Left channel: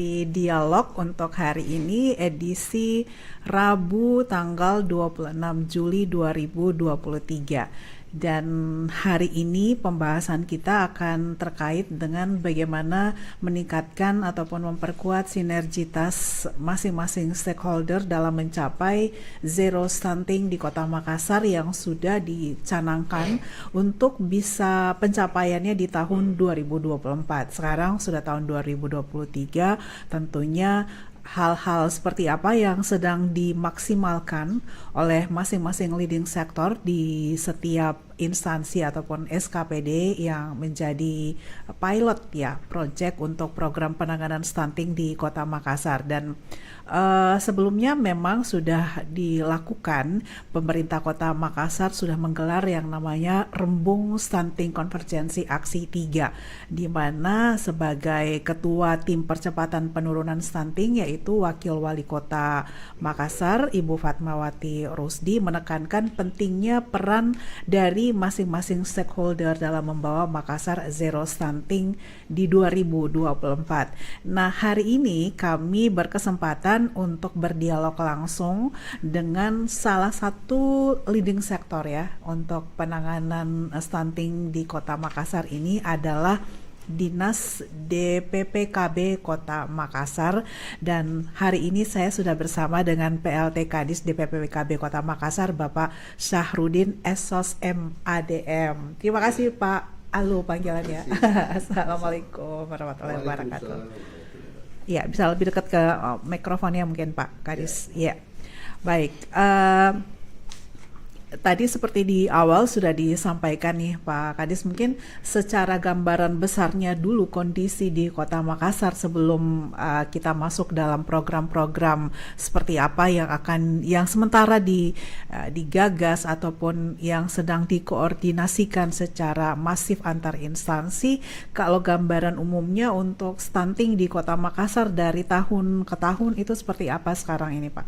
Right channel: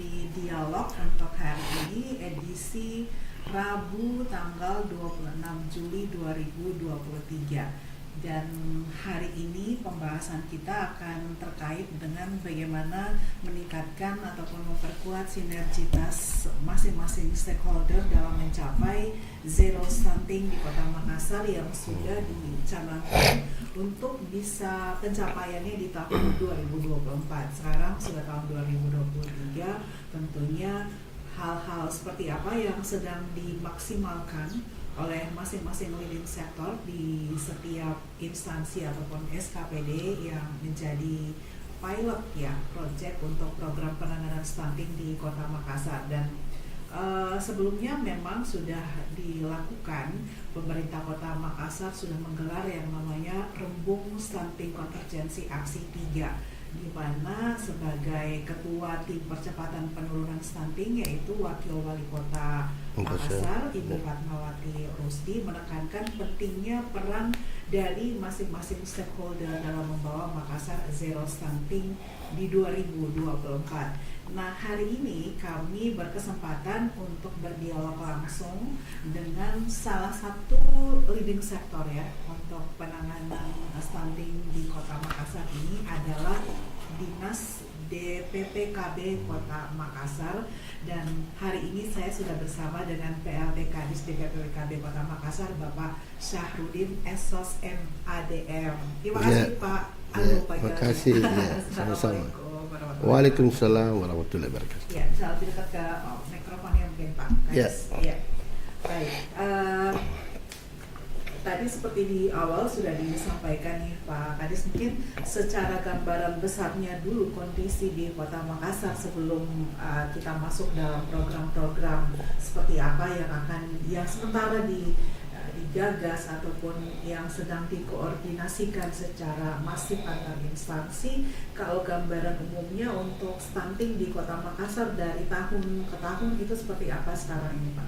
mengikuti dialog untuk hari ini edisi Rabu tanggal 26 Juli 2023. Dan hari ini pembahasan kita akan terkait dengan bagaimana meningkatkan ataupun memperkuat sinergitas masing-masing stakeholder dalam mencapai zero stunting di Kota Makassar yang sudah dicanangkan untuk bisa pencapaiannya di tahun 2024. Sekarang sudah tahun 2023, tentunya hal-hal seperti apa yang sedang dimaksimalkan oleh masing-masing leading sector di setiap instansi ataupun SKPD yang menjadi pilot ya project untuk program penanganan stunting di Kota Makassar. Dan sebelumnya memang sudah dilakukan, pemerintah Kota Makassar sudah menggelar yang namanya Rembung Stunting Konvergensi Aksi 3, di mana sebagai ketua tim percepatan penurunan stunting yaitu Wakil Wali Kota Makassar Ibu Fatmawati Rusdi menekankan pentingnya peran dari masing-masing stakeholder dalam membawa Makassar zero stunting di 2024. Nah, hari ini kami berkesempatan untuk berdialog langsung dengan salah satu leading sektor ya untuk penanganan stunting di Kota Makassar ini adalah Dinas DPPKB Kota Makassar. Dan hari ini saya sudah bersama dengan PLT Kadis DPPKB Kota Makassar, Bapak Syahrudin Esos MADM. Terima kasih Pak Alu panggilannya. Assalamualaikum warahmatullahi wabarakatuh. Waalaikumsalam warahmatullahi wabarakatuh. Ya, bisa lebih dekat ke mikrofonnya mungkin Pak Kadis. Ya. Baik. Tadi seperti di awal sudah disampaikan nih Pak Kadis, mungkin secara gambaran besarnya dulu kondisi di Kota Makassar sebelum kita masuk dalam program-program seperti apa yang sementara digagas ataupun yang sedang dikoordinasikan secara masif antar instansi. Kalau gambaran umumnya untuk stunting di Kota Makassar dari tahun ke tahun itu seperti apa sekarang ini Pak?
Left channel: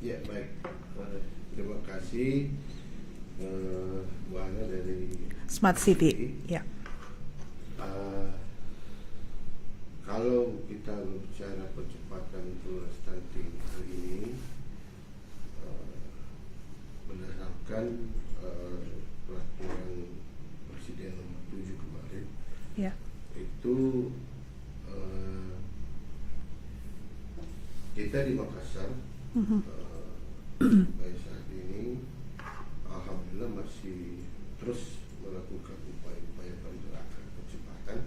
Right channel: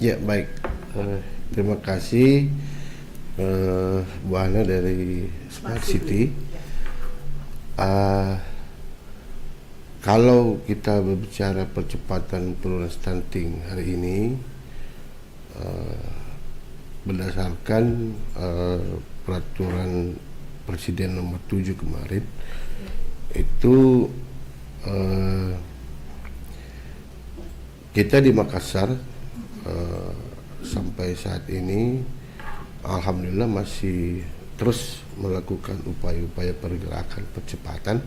Ya, baik. Terima kasih Bu Ana dari Smart City. Ya. Kalau kita berbicara percepatan penurunan stunting hari ini, berdasarkan peraturan Presiden nomor 7 kemarin, ya, itu kita di Makassar sampai saat ini alhamdulillah masih terus melakukan upaya-upaya pergerakan percepatan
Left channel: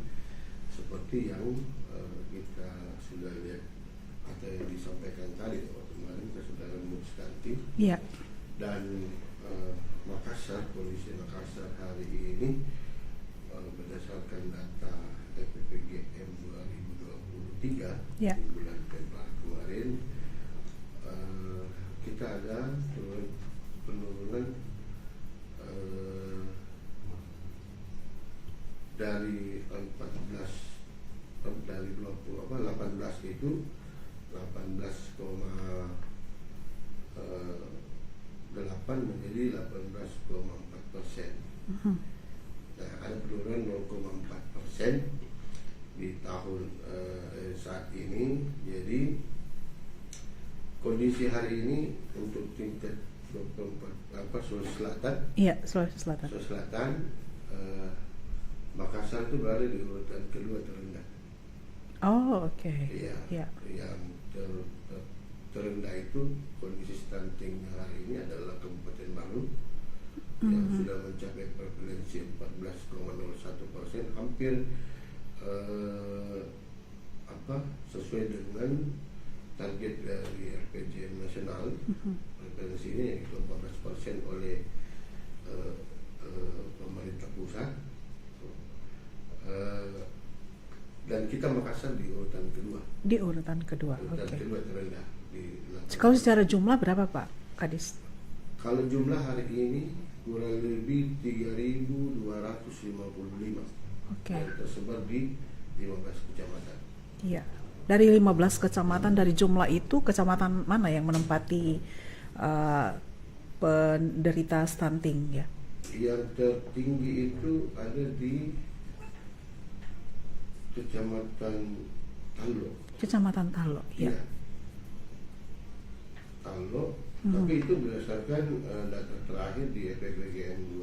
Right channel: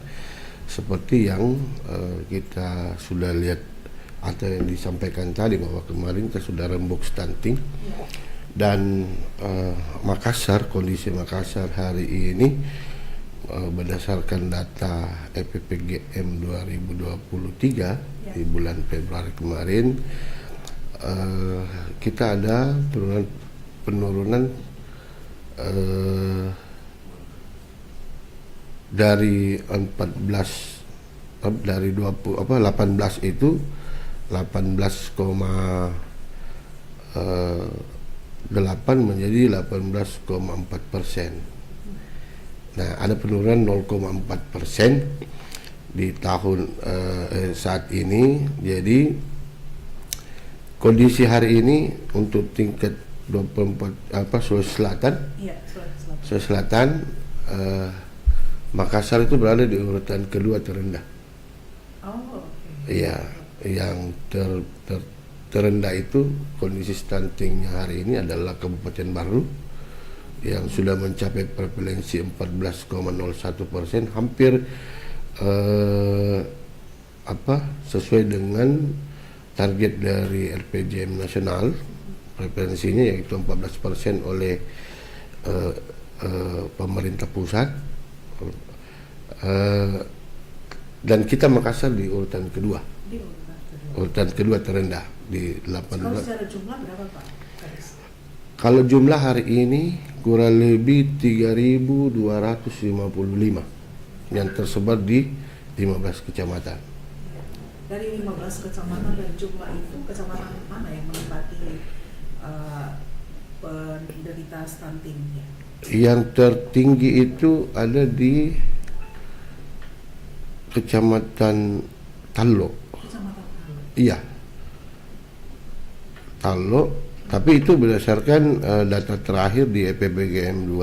seperti yang kita sudah lihat atau yang disampaikan tadi, bahwa kemarin kita sudah rembuk stunting, ya. Dan Makassar, kondisi Makassar hari ini berdasarkan data EPPGM 2023, ya, di bulan Februari kemarin, kita ada penurunan dari 18 itu 18,8 menjadi 18,4%. Nah, ada penurunan 0,4% di tahun saat ini. Jadi kondisi hari ini untuk tingkat 24 Sulawesi Selatan. Iya, Sulawesi Selatan, Makassar itu berada di urutan kedua terendah. Oh, oke. Iya, yang terendah itu kondisi stuntingnya hari ini adalah Kabupaten Baru yang sudah mencapai prevalensi 14,01%, hampir sesuai dengan target dari RPJM nasional. Preferensinya yaitu 14% oleh pemerintah pusat, dan kita Makassar di urutan kedua. Di urutan kedua. Urutan kedua terendah di 18. Kalau secara jumlah berapa Pak Kadis? Kalau jumlah hari ini kurang lebih 3.255 yang tersebar di 15 kecamatan. Iya. Dari 15 kecamatan, dari jumlah itu kecamatan mana yang menempati penderita stunting ya? Yang tertinggi itu ada di Kecamatan Tallo. Kecamatan Talo. Iya, Talo. Tapi itu berdasarkan data terakhir di EPPGM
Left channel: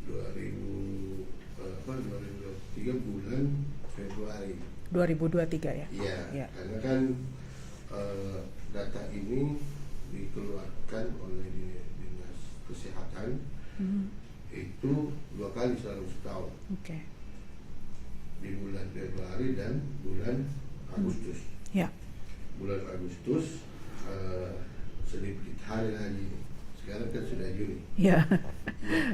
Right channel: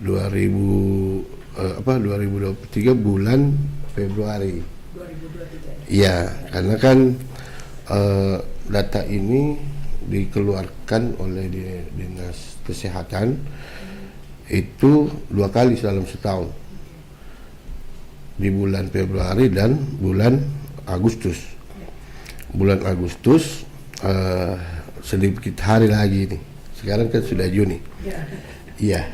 2023 bulan Februari. 2023 ya? Iya, karena kan data ini dikeluarkan oleh Dinas Kesehatan itu 2 kali dalam setahun, Oke. di bulan Februari dan bulan Agustus. Ya. Bulan Agustus sedikit hari lagi nih. Sekarang kan sudah Juni. Ya. Iya.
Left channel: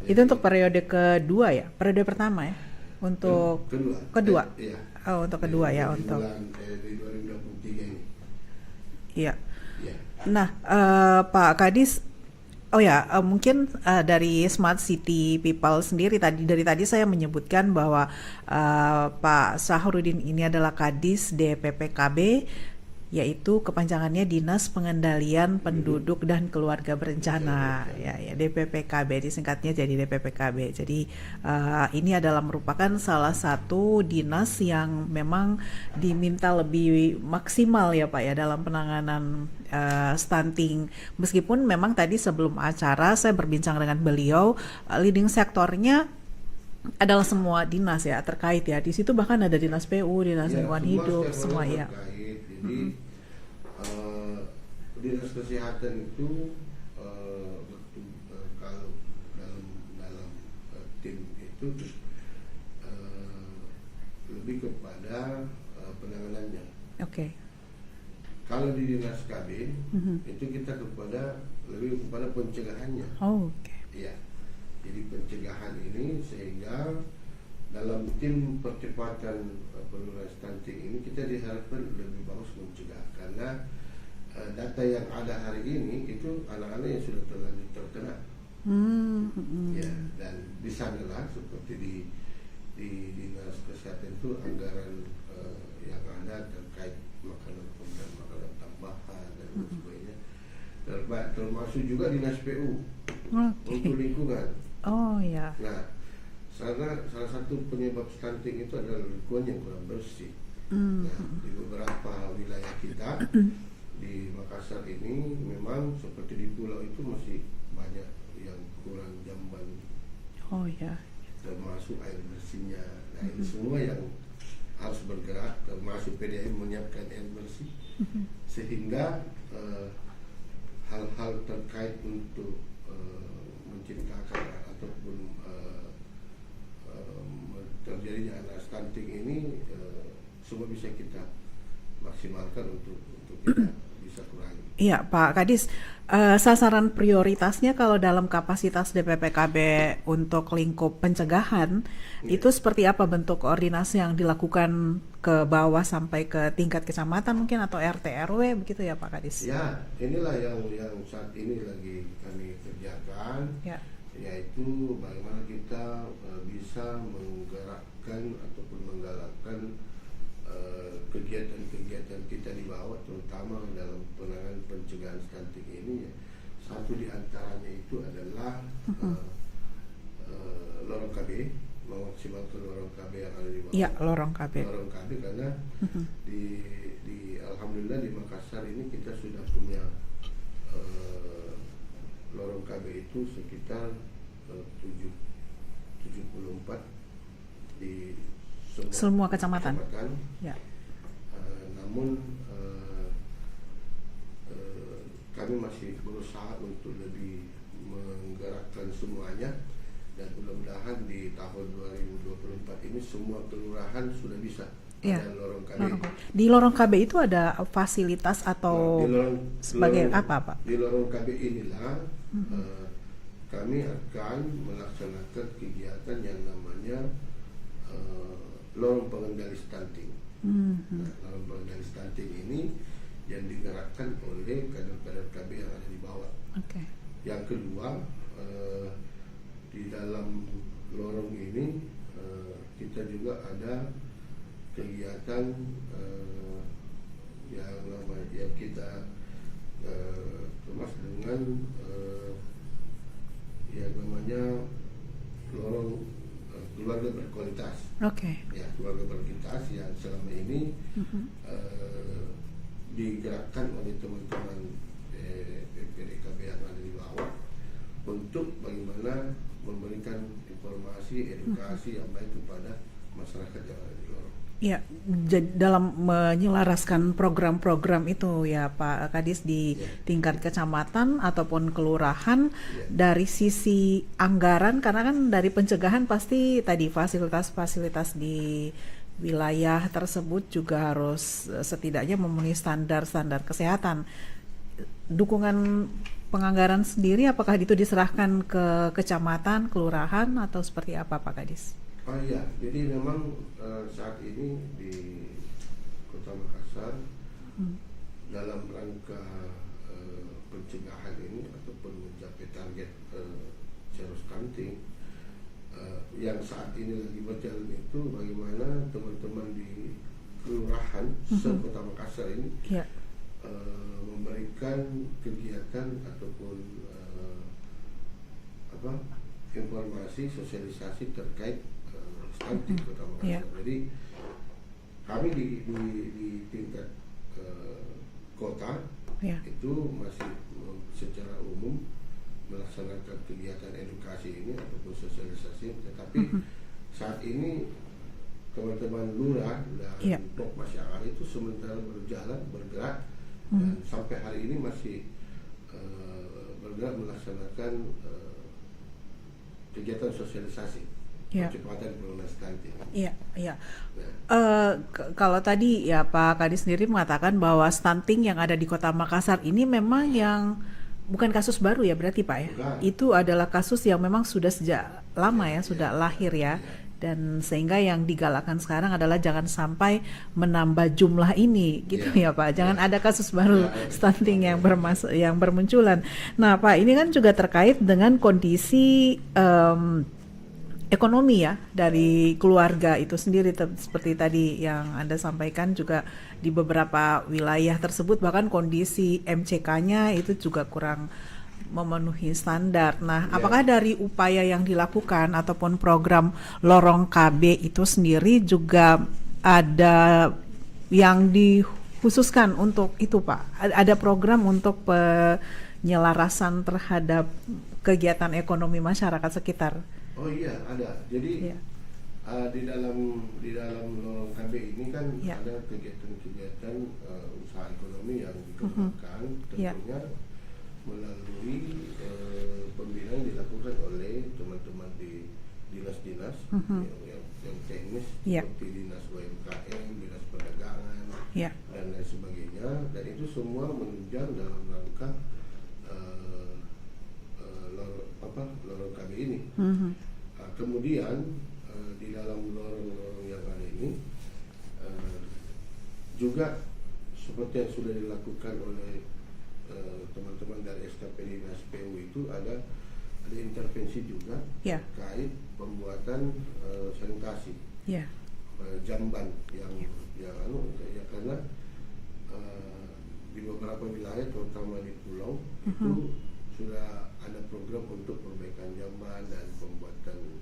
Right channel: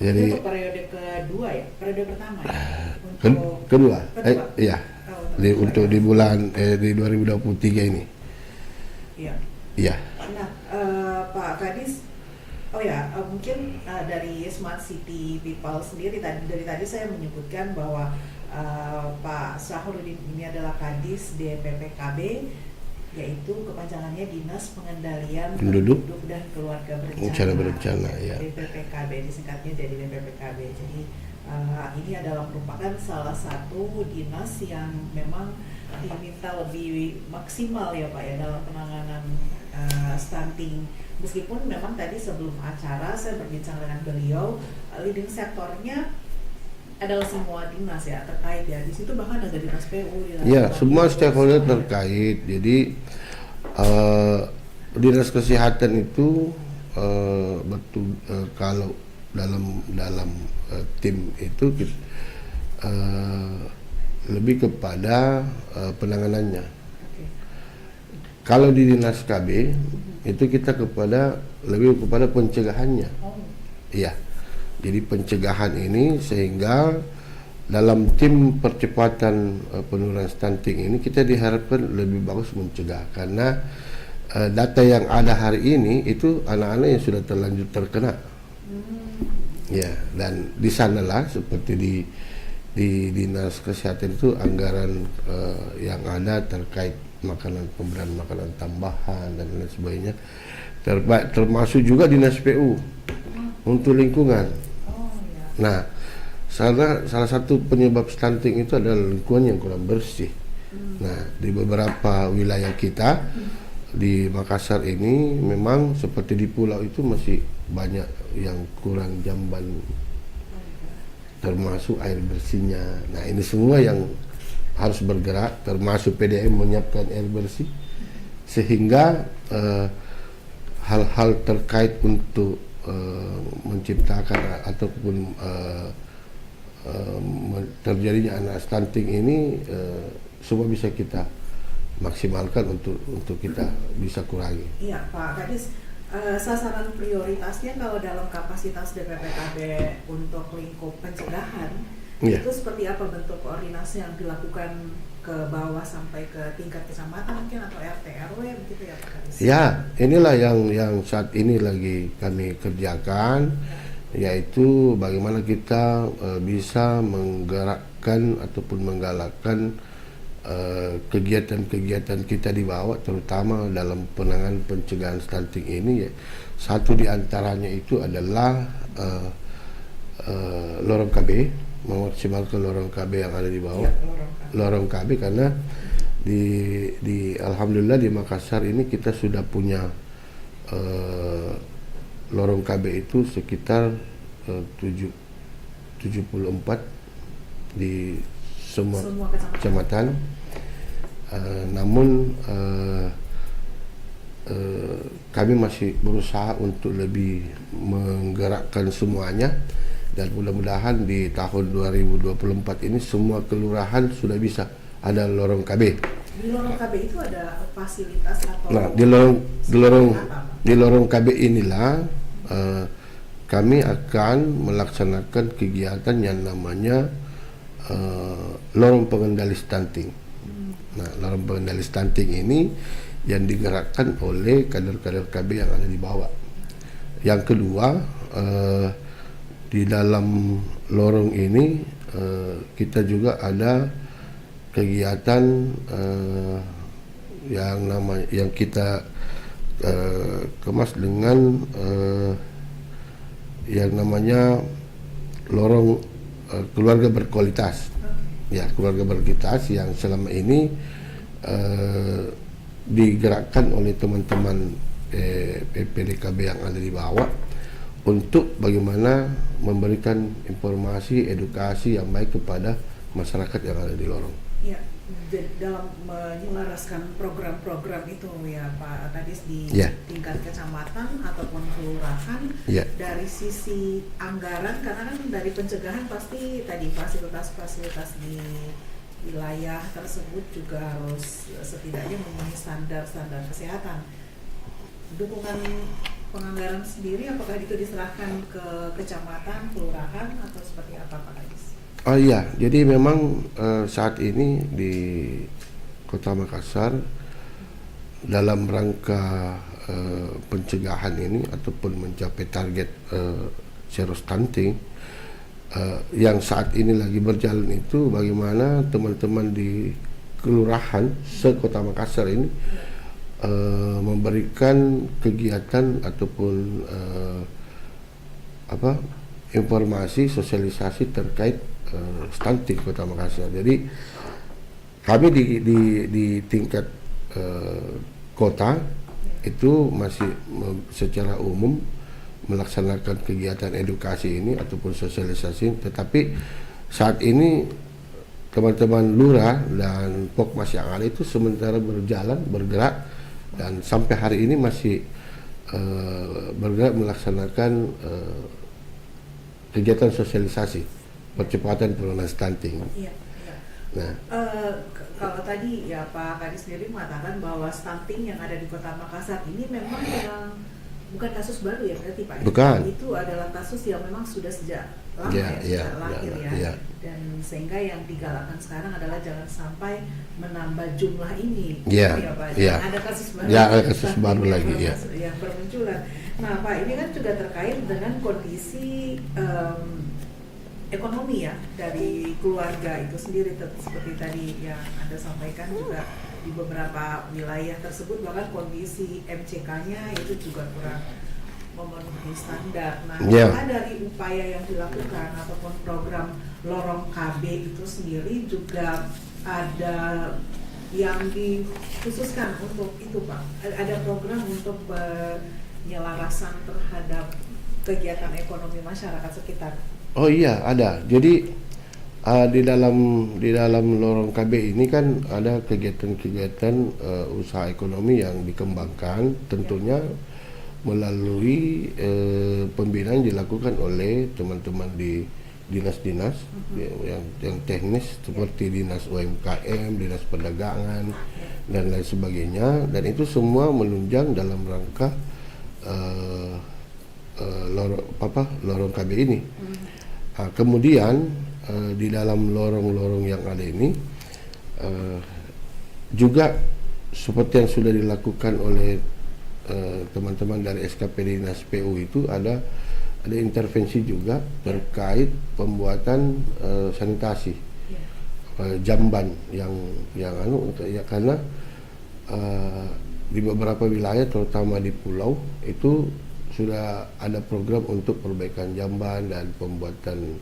Itu untuk periode kedua ya? Periode pertama ya? Untuk kedua. Kedua? Iya. Oh, untuk Di, kedua untuk ya. di bulan di 2023 ini. Iya. Iya. Nah, Pak Kadis, mungkin dari Smart City People sendiri dari tadi saya menyebutkan bahwa Pak Sahrudin ini adalah Kadis DPPKB, yaitu kepanjangannya Dinas Pengendalian Penduduk dan Keluarga Berencana, ya. DPPKB, disingkatnya jadi DPPKB. Jadi ini adalah merupakan salah satu dinas yang memang diminta lebih maksimal ya Pak ya dalam penanganan stunting. Meskipun memang tadi sebelum acara saya berbincang dengan beliau, leading sektornya adalah semua dinas ya terkait ya. Di situ bahkan ada dinas PU, dinas Ya, lingkungan semua hidup, stakeholder semuanya. terkait. Jadi dinas kesehatan itu kalau dalam tim itu lebih kepada penanganannya. Oke. Kalau di dinas KB itu kita lebih kepada pencegahannya. Oh, Iya. Jadi pencegahan ini sehingga dalam tim percepatan penurunan stunting ini kita diharapkan lebih bagus mencegah, karena data yang ada hari ini itu anak-anak yang sudah terlanjur terkena. Ya, dan di sanalah seperti di dinas kesehatan itu anggaran yang ada terkait pemberian makanan tambahan dan lain sebagainya, termasuk juga dinas PU untuk lingkungan. Oh ya. Nah, salah satu penyebab stunting itu adalah lingkungan yang kurang bersih. Nah, di beberapa wilayah kita di Makassar ini memang seperti di pulau itu masih banyak yang kurang jamban, Oh ya. termasuk air bersihnya. Nah, ini semua yang harus bergerak, termasuk PDM menyiapkan air bersih, sehingga hal-hal terkait untuk menciptakan ataupun terjadinya anak stunting ini semua bisa kita maksimalkan untuk kita bisa kurangi. Iya, Pak Kadis, sasaran prioritasnya kalau dalam kapasitas DPPKB untuk lingkup pencegahan itu seperti apa bentuk koordinasi yang dilakukan ke bawah sampai ke tingkat kecamatan mungkin atau RT RW begitu ya Pak Kadis? Ya, inilah yang saat ini lagi kami kerjakan, yaitu bagaimana kita bisa menggerakkan ataupun menggalakkan kegiatan-kegiatan kita di bawah, terutama dalam penanganan pencegahan stunting ini. Satu di antaranya itu adalah lorong KB, memaksimalkan lorong KB yang ada di bawah. Ya, lorong KB. Lorong KB karena di alhamdulillah di Makassar ini kita sudah punya lorong KB itu sekitar 74 di semua kecamatan. Ya. Namun kami masih berusaha untuk lebih menggerakkan semuanya, dan mudah-mudahan di tahun 2024 ini semua kelurahan sudah bisa ada lorong KB. Di lorong KB itu ada fasilitas atau Di lorong KB inilah kami akan melaksanakan kegiatan yang namanya lorong pengendali stunting. Nah, lorong pengendali stunting ini yang digerakkan oleh kader-kader KB yang ada di bawah. Yang kedua, di dalam lorong ini kita juga ada kegiatan yang kita kemas dengan yang namanya lorong keluarga berkualitas. Oke. Ya, keluarga berkualitas yang selama ini digerakkan oleh teman-teman PPDKB yang ada di bawah untuk bagaimana memberikan informasi, edukasi yang baik kepada masyarakat yang ada di lorong. Ya, dalam menyelaraskan program-program itu ya Pak Kadis di tingkat kecamatan ataupun kelurahan, dari sisi anggaran, karena kan dari pencegahan pasti tadi fasilitas-fasilitas di wilayah tersebut juga harus setidaknya memenuhi standar-standar kesehatan. Dukungan penganggaran sendiri apakah itu diserahkan ke kecamatan, kelurahan atau seperti apa Pak Kadis? Oh iya, jadi memang saat ini di Kota Makassar dalam rangka pencegahan ini ataupun mencapai target zero stunting yang saat ini lagi berjalan itu bagaimana teman-teman di kelurahan se-Kota Makassar ini memberikan kegiatan ataupun informasi sosialisasi terkait stunting Kota Makassar. Jadi kami di tingkat kota itu masih secara umum melaksanakan kegiatan edukasi ini ataupun sosialisasi, tetapi saat ini teman-teman lurah dan Pokmas yang ada itu sementara bergerak dan sampai hari ini masih bergerak melaksanakan kegiatan sosialisasi percepatan penurunan stunting. Iya, iya. Nah, kalau tadi ya Pak Kadis sendiri mengatakan bahwa stunting yang ada di Kota Makassar ini memang yang bukan kasus baru ya berarti Pak ya? Bukan. Itu adalah kasus yang memang sudah sejak lama sejak lahir ya. Dan sehingga yang digalakkan sekarang adalah jangan sampai menambah jumlah ini, ya Pak. Jangan ada kasus baru stunting yang bermunculan. Nah Pak, ini kan juga terkait dengan kondisi ekonomi ya dari keluarga itu sendiri, seperti tadi yang Anda sampaikan juga di beberapa wilayah tersebut bahkan kondisi MCK-nya itu juga kurang memenuhi standar. Nah, apakah dari upaya yang dilakukan ataupun program Lorong KB itu sendiri juga ada yang dikhususkan untuk itu Pak? Ada program untuk penyelarasan terhadap kegiatan ekonomi masyarakat sekitar? Oh iya, ada. Jadi di dalam Lorong KB ini kan ada kegiatan-kegiatan usaha ekonomi yang dikembangkan, tentunya melalui pembinaan dilakukan oleh teman-teman di dinas-dinas yang teknis seperti dinas UMKM, dinas perdagangan dan lain sebagainya, dan itu semua menunjang dalam rangka lorong KB ini. Kemudian di dalam lorong-lorong yang ada ini juga seperti yang sudah dilakukan oleh teman-teman dari SKP Dinas PU itu ada intervensi juga terkait pembuatan sanitasi jamban yang karena di beberapa wilayah terutama di pulau itu sudah ada program untuk perbaikan jamban dan pembuatan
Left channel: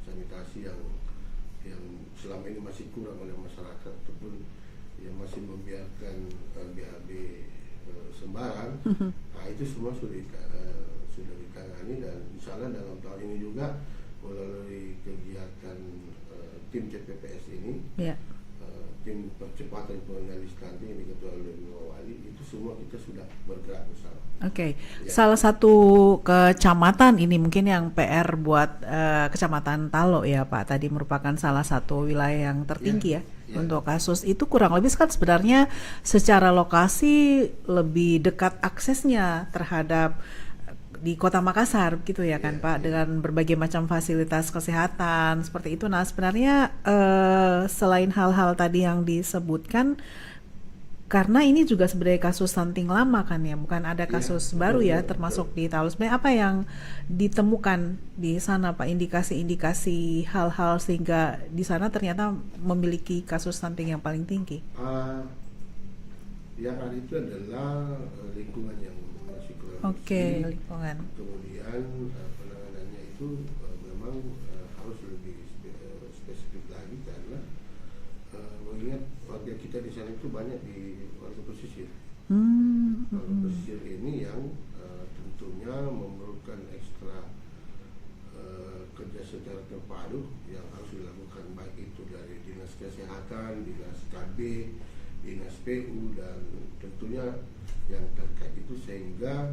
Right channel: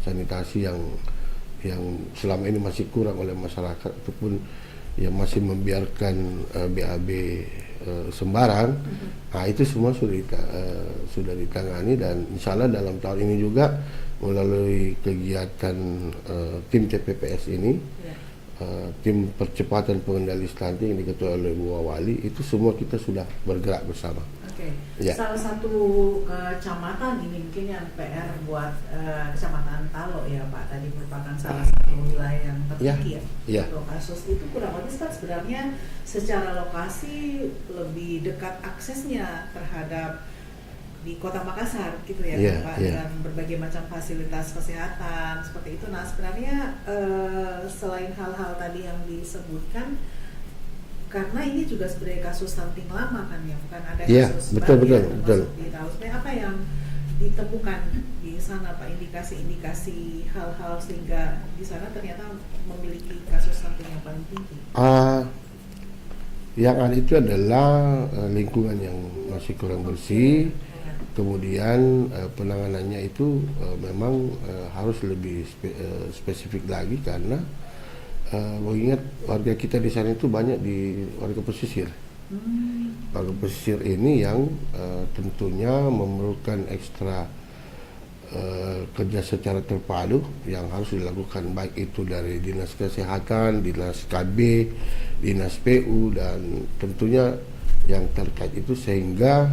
sanitasi yang selama ini masih kurang oleh masyarakat ataupun yang masih membiarkan BAB sembarang. Nah, itu semua sudah ditangani dan insya Allah dalam tahun ini juga melalui kegiatan tim TPPS ini, tim percepatan pengendali stunting yang diketuai oleh Bu Wali, itu semua kita sudah bergerak bersama. Oke. Salah satu kecamatan ini mungkin yang PR buat Kecamatan Talo ya Pak, tadi merupakan salah satu wilayah yang tertinggi untuk kasus itu, kurang lebih kan sebenarnya secara lokasi lebih dekat aksesnya terhadap di Kota Makassar gitu ya kan Pak, dengan berbagai macam fasilitas kesehatan seperti itu. Nah sebenarnya selain hal-hal tadi yang disebutkan, karena ini juga sebenarnya kasus stunting lama kan ya, bukan ada kasus baru termasuk di Talo. Sebenarnya apa yang ditemukan di sana Pak, indikasi-indikasi hal-hal sehingga di sana ternyata memiliki kasus stunting yang paling tinggi? Yang ada itu adalah lingkungan yang masih kurang bersih. Lingkungan. Kemudian penanganannya itu memang harus lebih spesifik lagi karena mengingat warga kita di sana itu banyak di warga pesisir. Warga pesisir ini yang tentunya memerlukan ekstra kerja secara terpadu yang harus dilakukan, baik itu dari Dinas Kesehatan, Dinas KB, Dinas PU, dan tentunya yang terkait itu, sehingga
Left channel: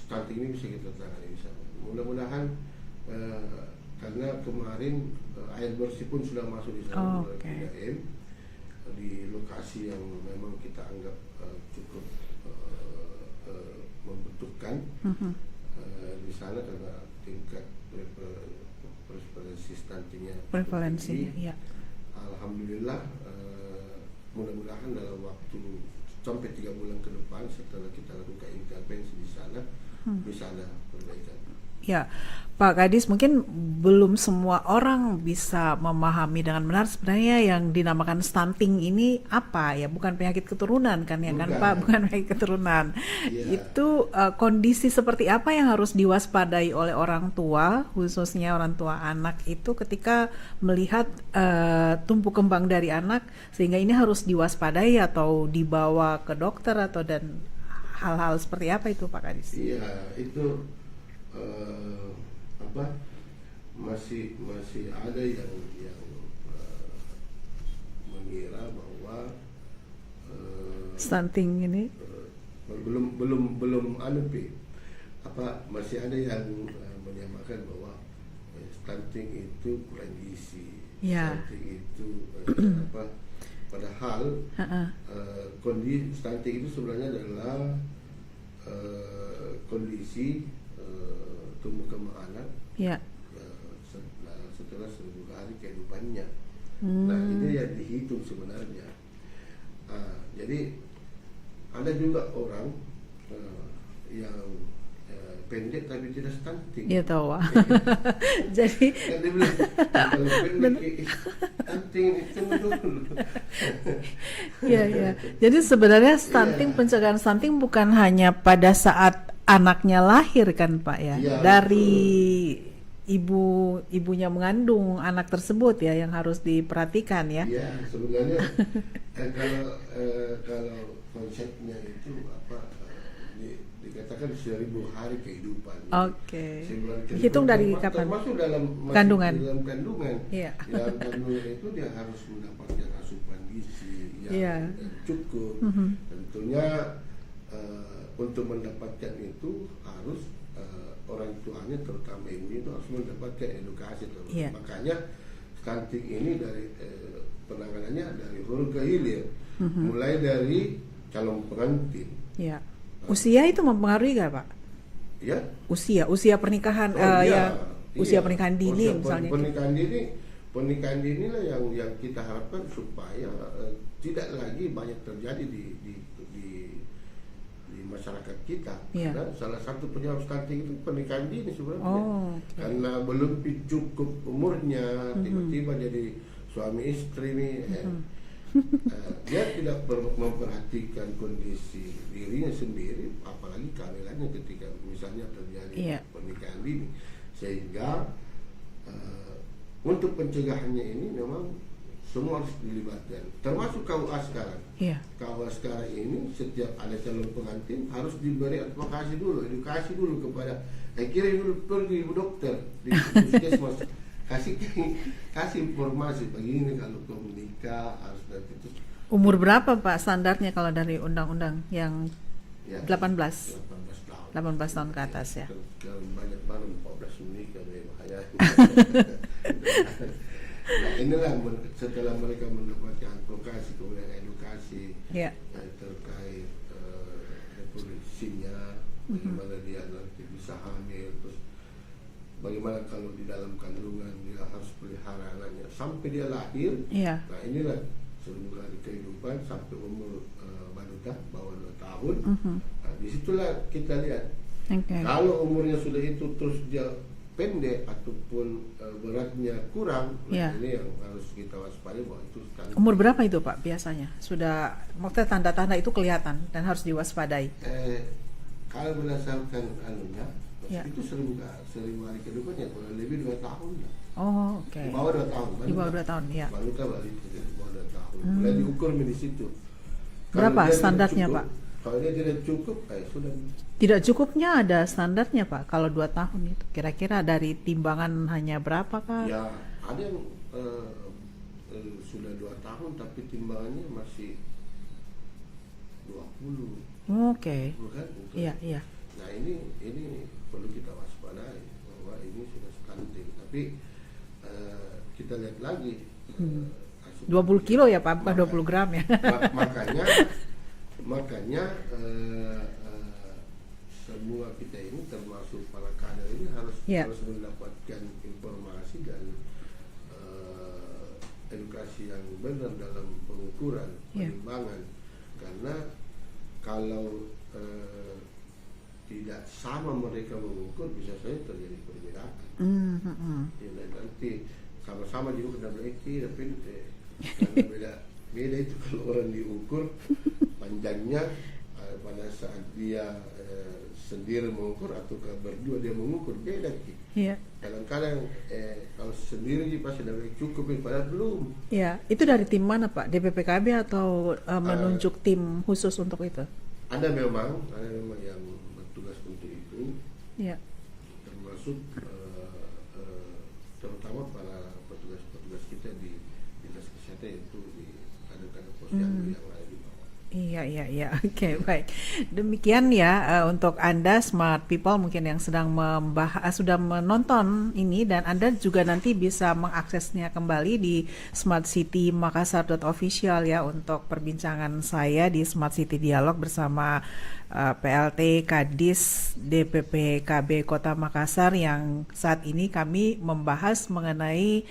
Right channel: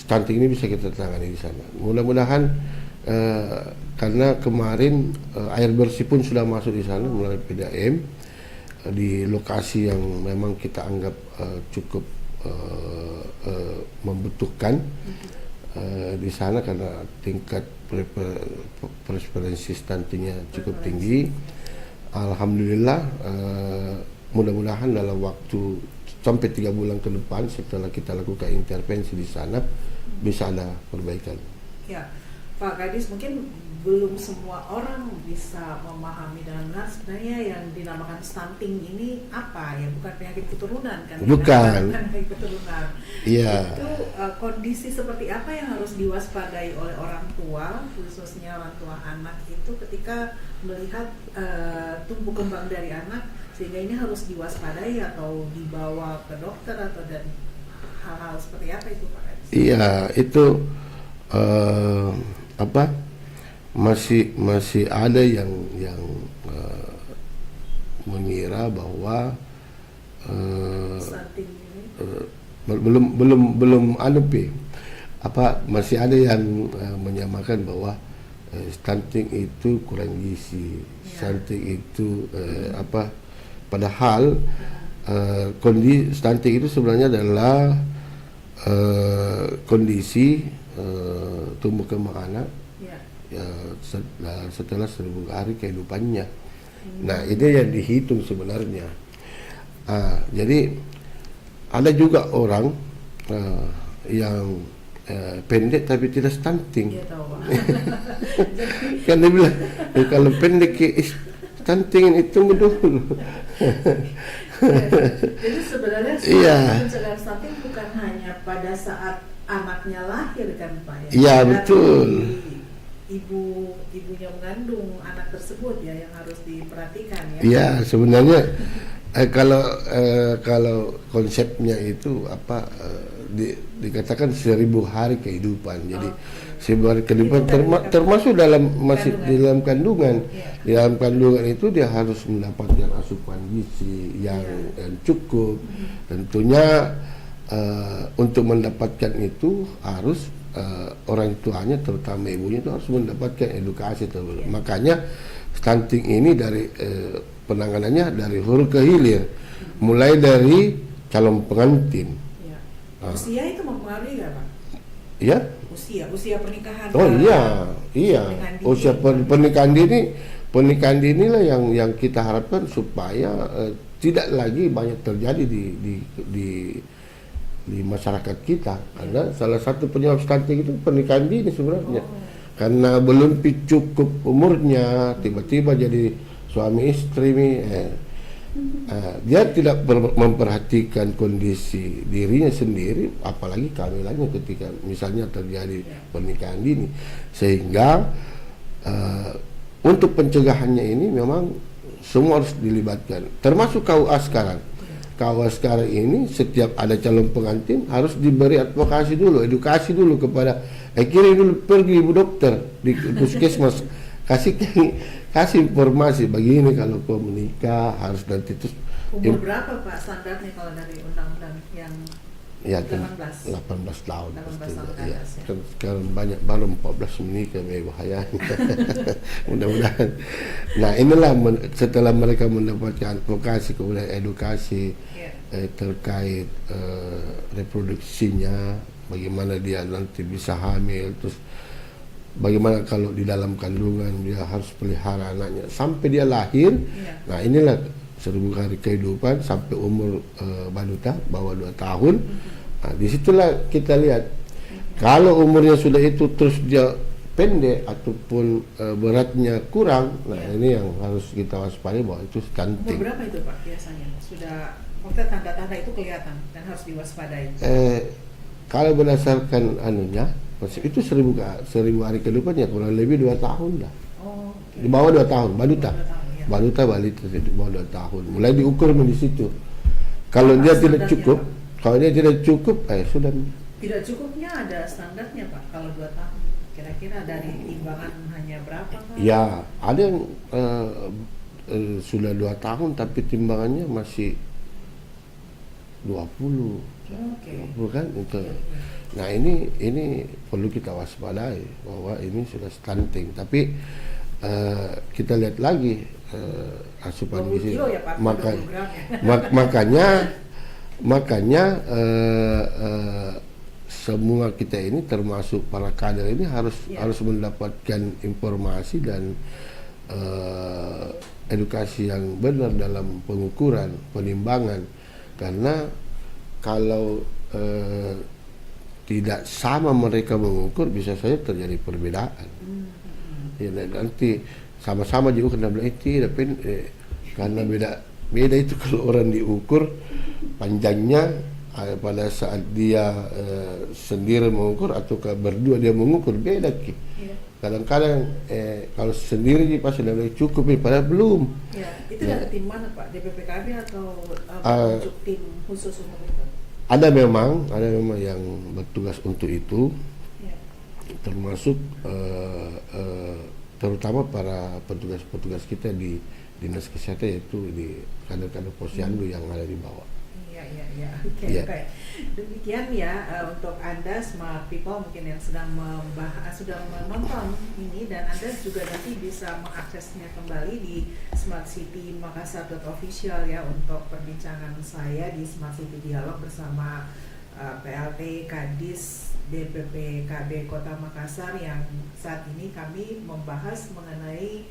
stunting ini bisa kita tangani di sana. Mudah-mudahan karena kemarin air bersih pun sudah masuk di sana melalui PDAM di lokasi yang memang kita anggap cukup membutuhkan di sana karena tingkat prevalensi stuntingnya cukup tinggi. Ya. Alhamdulillah, mudah-mudahan dalam waktu sampai 3 bulan ke depan setelah kita lakukan intervensi di sana bisa ada perbaikan. Ya, Pak Kadis, mungkin belum semua orang bisa memahami dengan benar sebenarnya yang dinamakan stunting ini apa ya, bukan penyakit keturunan kan ya? Bukan. Kan? Bukan penyakit keturunan. Iya. Itu kondisi seperti apa yang harus diwaspadai oleh orang tua, khususnya orang tua anak itu ketika melihat tumbuh kembang dari anak, sehingga ini harus diwaspadai atau dibawa ke dokter atau dan hal-hal seperti apa itu Pak Kadis? Iya, itu masih ada yang mengira bahwa Stunting ini belum masih ada yang menyamakan bahwa stunting itu kurang gizi, stunting itu padahal kondisi stunting itu sebenarnya adalah kondisi tumbuh kembang anak setelah 1000 hari kehidupannya. Nah, ini yang dihitung sebenarnya. Jadi ada juga orang yang pendek tapi tidak stunting. Iya tahu. Jadi Kan dia bilang kalau pendek stunting itu dulu. ya. Jadi sebenarnya pencegahan stunting bukan hanya pada saat anaknya lahir kan Pak ya? Iya, dari ibunya mengandung anak tersebut ya yang harus diperhatikan ya. Iya, sebenarnya kalau konsepnya itu dikatakan 1000 hari kehidupan. Jadi 1000 hari kehidupan termasuk dalam dalam kandungan. Iya. Di dalam kandungan itu dia harus mendapatkan asupan gizi yang cukup. Tentunya untuk mendapatkan itu harus orang tuanya, terutama ibunya, itu harus mendapatkan edukasi terus. Makanya stunting ini dari penanganannya dari hulu ke hilir, mulai dari calon pengantin. Ya. Usia itu mempengaruhi nggak Pak? Ya. Usia pernikahan. Usia pernikahan dini. Usia pernikahan dini lah yang kita harapkan supaya tidak lagi banyak terjadi di masyarakat kita. Karena salah satu penyebab stunting itu pernikahan dini sebenarnya. Karena belum cukup umurnya, tiba-tiba jadi suami istri dia tidak memperhatikan kondisi dirinya sendiri, apalagi kehamilannya ketika misalnya terjadi pernikahan dini. Sehingga untuk pencegahannya ini memang semua harus dilibatkan, termasuk KUA sekarang. KUA sekarang ini setiap ada calon pengantin harus diberi advokasi dulu, edukasi dulu kepada kirim dulu, pergi ibu dokter di puskesmas, kasih informasi begini kalau kau menikah harus nanti terus. Umur berapa Pak standarnya kalau dari undang-undang yang 18 tahun. 18 tahun ke atas ya. Sekarang banyak baru 14 menikah, bahaya. Mudah-mudahan. Nah, inilah setelah mereka mendapatkan advokasi kemudian edukasi terkait reproduksinya, bagaimana dia nanti bisa hamil, terus bagaimana kalau di dalam kandungan dia harus pelihara anaknya sampai dia lahir. Nah, inilah 1000 hari kehidupan sampai umur balita bawah 2 tahun. Nah, disitulah kita lihat kalau umurnya sudah itu terus dia pendek ataupun beratnya kurang, nah ini yang harus kita waspadai bahwa itu stunting. Umur berapa itu Pak biasanya sudah maksudnya tanda-tanda itu kelihatan dan harus diwaspadai. Kalau berdasarkan anunya, Ya. itu 1000 hari ke depan ya kurang lebih 2 tahun lah. Oh, oke. Di bawah 2 tahun, balita. Di bawah 2 tahun, ya. Balita di bawah 2 tahun. Mulai diukur di situ. Kalau Berapa dia tidak standarnya, cukup, Pak? kalau dia tidak cukup, sudah. Tidak cukupnya ada standarnya, Pak. Kalau 2 tahun itu kira-kira dari timbangan hanya berapa, Pak? Ya, ada yang sudah 2 tahun tapi timbangannya masih 20. Oke. Bukan itu. Iya, iya. Nah, ini perlu kita waspadai bahwa ini sudah stunting. Tapi kita lihat lagi asupan 20 gizi. kilo ya, Pak, bukan 20 gram ya. Makanya semua kita ini termasuk para kader ini harus mendapatkan informasi dan edukasi yang benar dalam pengukuran, penimbangan. Karena kalau tidak sama mereka mengukur, bisa saja terjadi perbedaan. Ya, nanti sama-sama juga kena bilang tapi karena beda itu kalau orang diukur panjangnya pada saat dia sendiri mengukur atau berdua dia mengukur beda ki. Iya. Kadang-kadang kalau sendiri pas sudah cukup padahal belum. Ya, itu dari tim mana, Pak? DPPKB atau menunjuk tim khusus untuk itu? Ada memang yang bertugas untuk itu, Ya. termasuk terutama para petugas-petugas kita di dinas kesehatan, yaitu di kader-kader posyandu yang ada di bawah. Iya. Oke, Iya. baik. Demikian ya untuk Anda Smart People mungkin yang sedang sudah menonton ini, dan Anda juga nanti bisa mengaksesnya kembali di smartcitymakassar.official ya untuk perbincangan saya di Smart City Dialog bersama PLT Kadis DPPKB Kota Makassar, yang saat ini kami membahas mengenai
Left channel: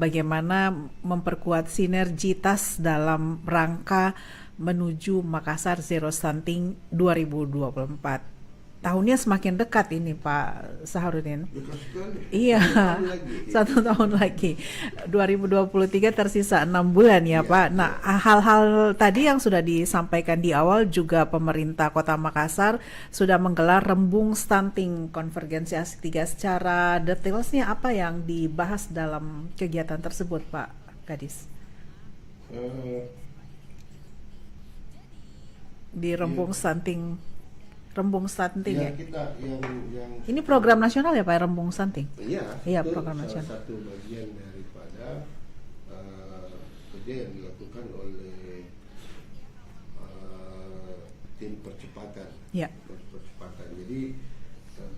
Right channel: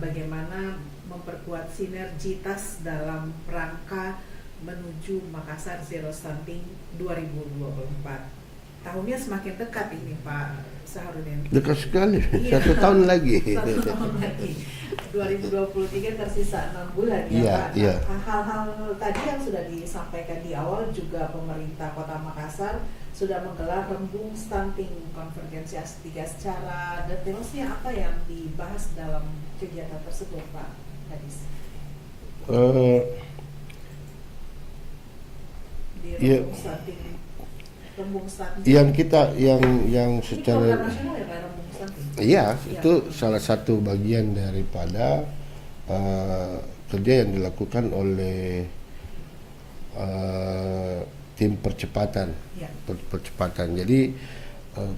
bagaimana memperkuat sinergitas dalam rangka menuju Makassar Zero Stunting 2024. Tahunnya semakin dekat ini, Pak Saharudin. Dekat sekali. Iya. 1 tahun lagi. 1 tahun lagi. 2023 tersisa 6 bulan ya, Iya, Pak. Nah, iya. hal-hal tadi yang sudah disampaikan di awal juga pemerintah Kota Makassar sudah menggelar Rembung Stunting Konvergensi Aksi 3. Secara detailnya apa yang dibahas dalam kegiatan tersebut, Pak Kadis? Di Rembung Stunting. Yang Ini program nasional ya, Pak, Rembung Stunting? Iya, Iya, itu program salah nasional. satu bagian daripada kerja yang dilakukan oleh tim percepatan. Ya. Percepatan. Jadi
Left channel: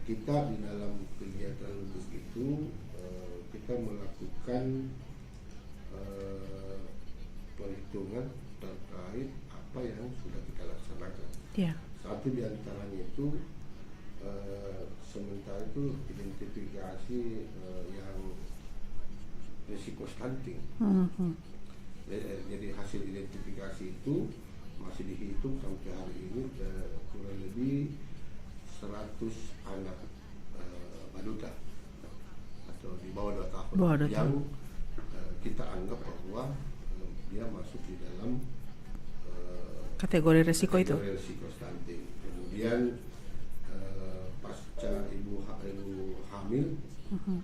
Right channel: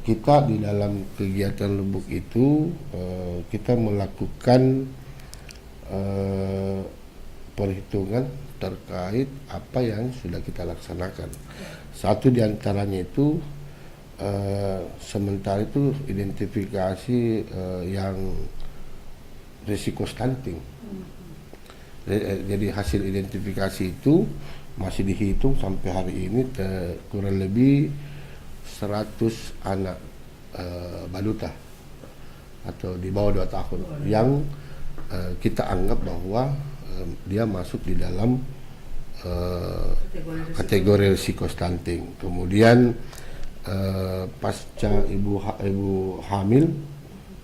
kita di dalam kegiatan Lubuk itu kita melakukan perhitungan terkait apa yang sudah kita laksanakan. Ya. Satu diantaranya itu sementara itu identifikasi yang risiko stunting. Jadi hasil identifikasi itu masih dihitung sampai hari ini kurang lebih 100 anak balita atau di bawah 2 tahun yang kita anggap bahwa dia masuk di dalam kategori risiko stunting. Kemudian pasca ibu hamil,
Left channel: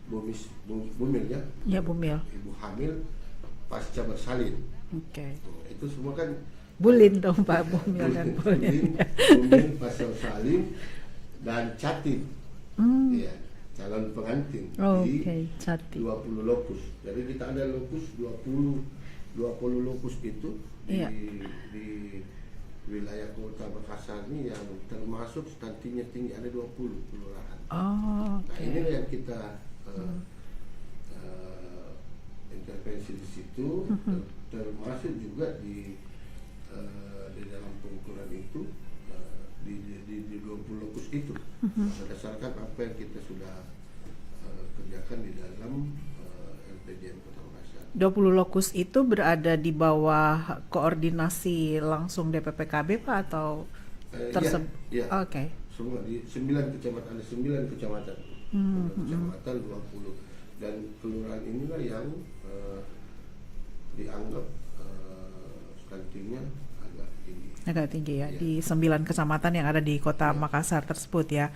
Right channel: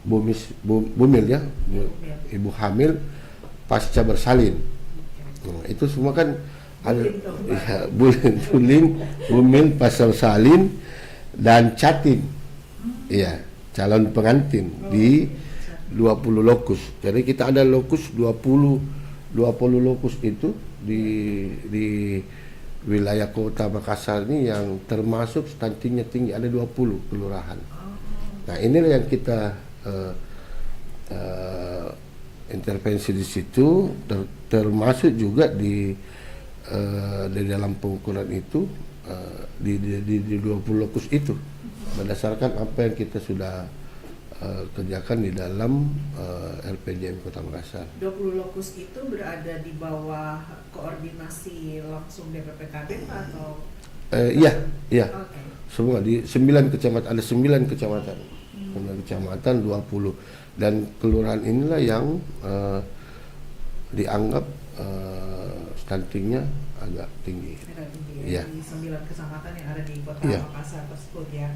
bumil ya, bumil. ibu hamil pasca bersalin. Okay. Nah, itu semua kan bulin dong, Pak. Ya, bulin, bumil, pasal salin dan catin. Iya, calon pengantin di 20 lokus. Jadi kita ada lokus 20 lokus itu di wilayah Kota Makassar ini yang termasuk stuntingnya tinggi, ada 20 kelurahan. Nah, inilah yang kita intervensi di situ, termasuk juga di dalam pengukuran itu di 20 lokus itu berdasarkan apa yang kita sudah kerjakan di dalam LPDM Kota Makassar. 20 lokus itu berada di bawah koordinasi langsung DPPKB, Pak, atau iya. Okay. Semua di 9 kecamatan, ada 9 kecamatan. 9 kecamatan 20, dan kelurahan inilah yang dianggap stuntingnya agak tinggi. Agak tinggi ya, Iya. di 9 kecamatan yang ada di kota Iya. Makassar tersebut ya.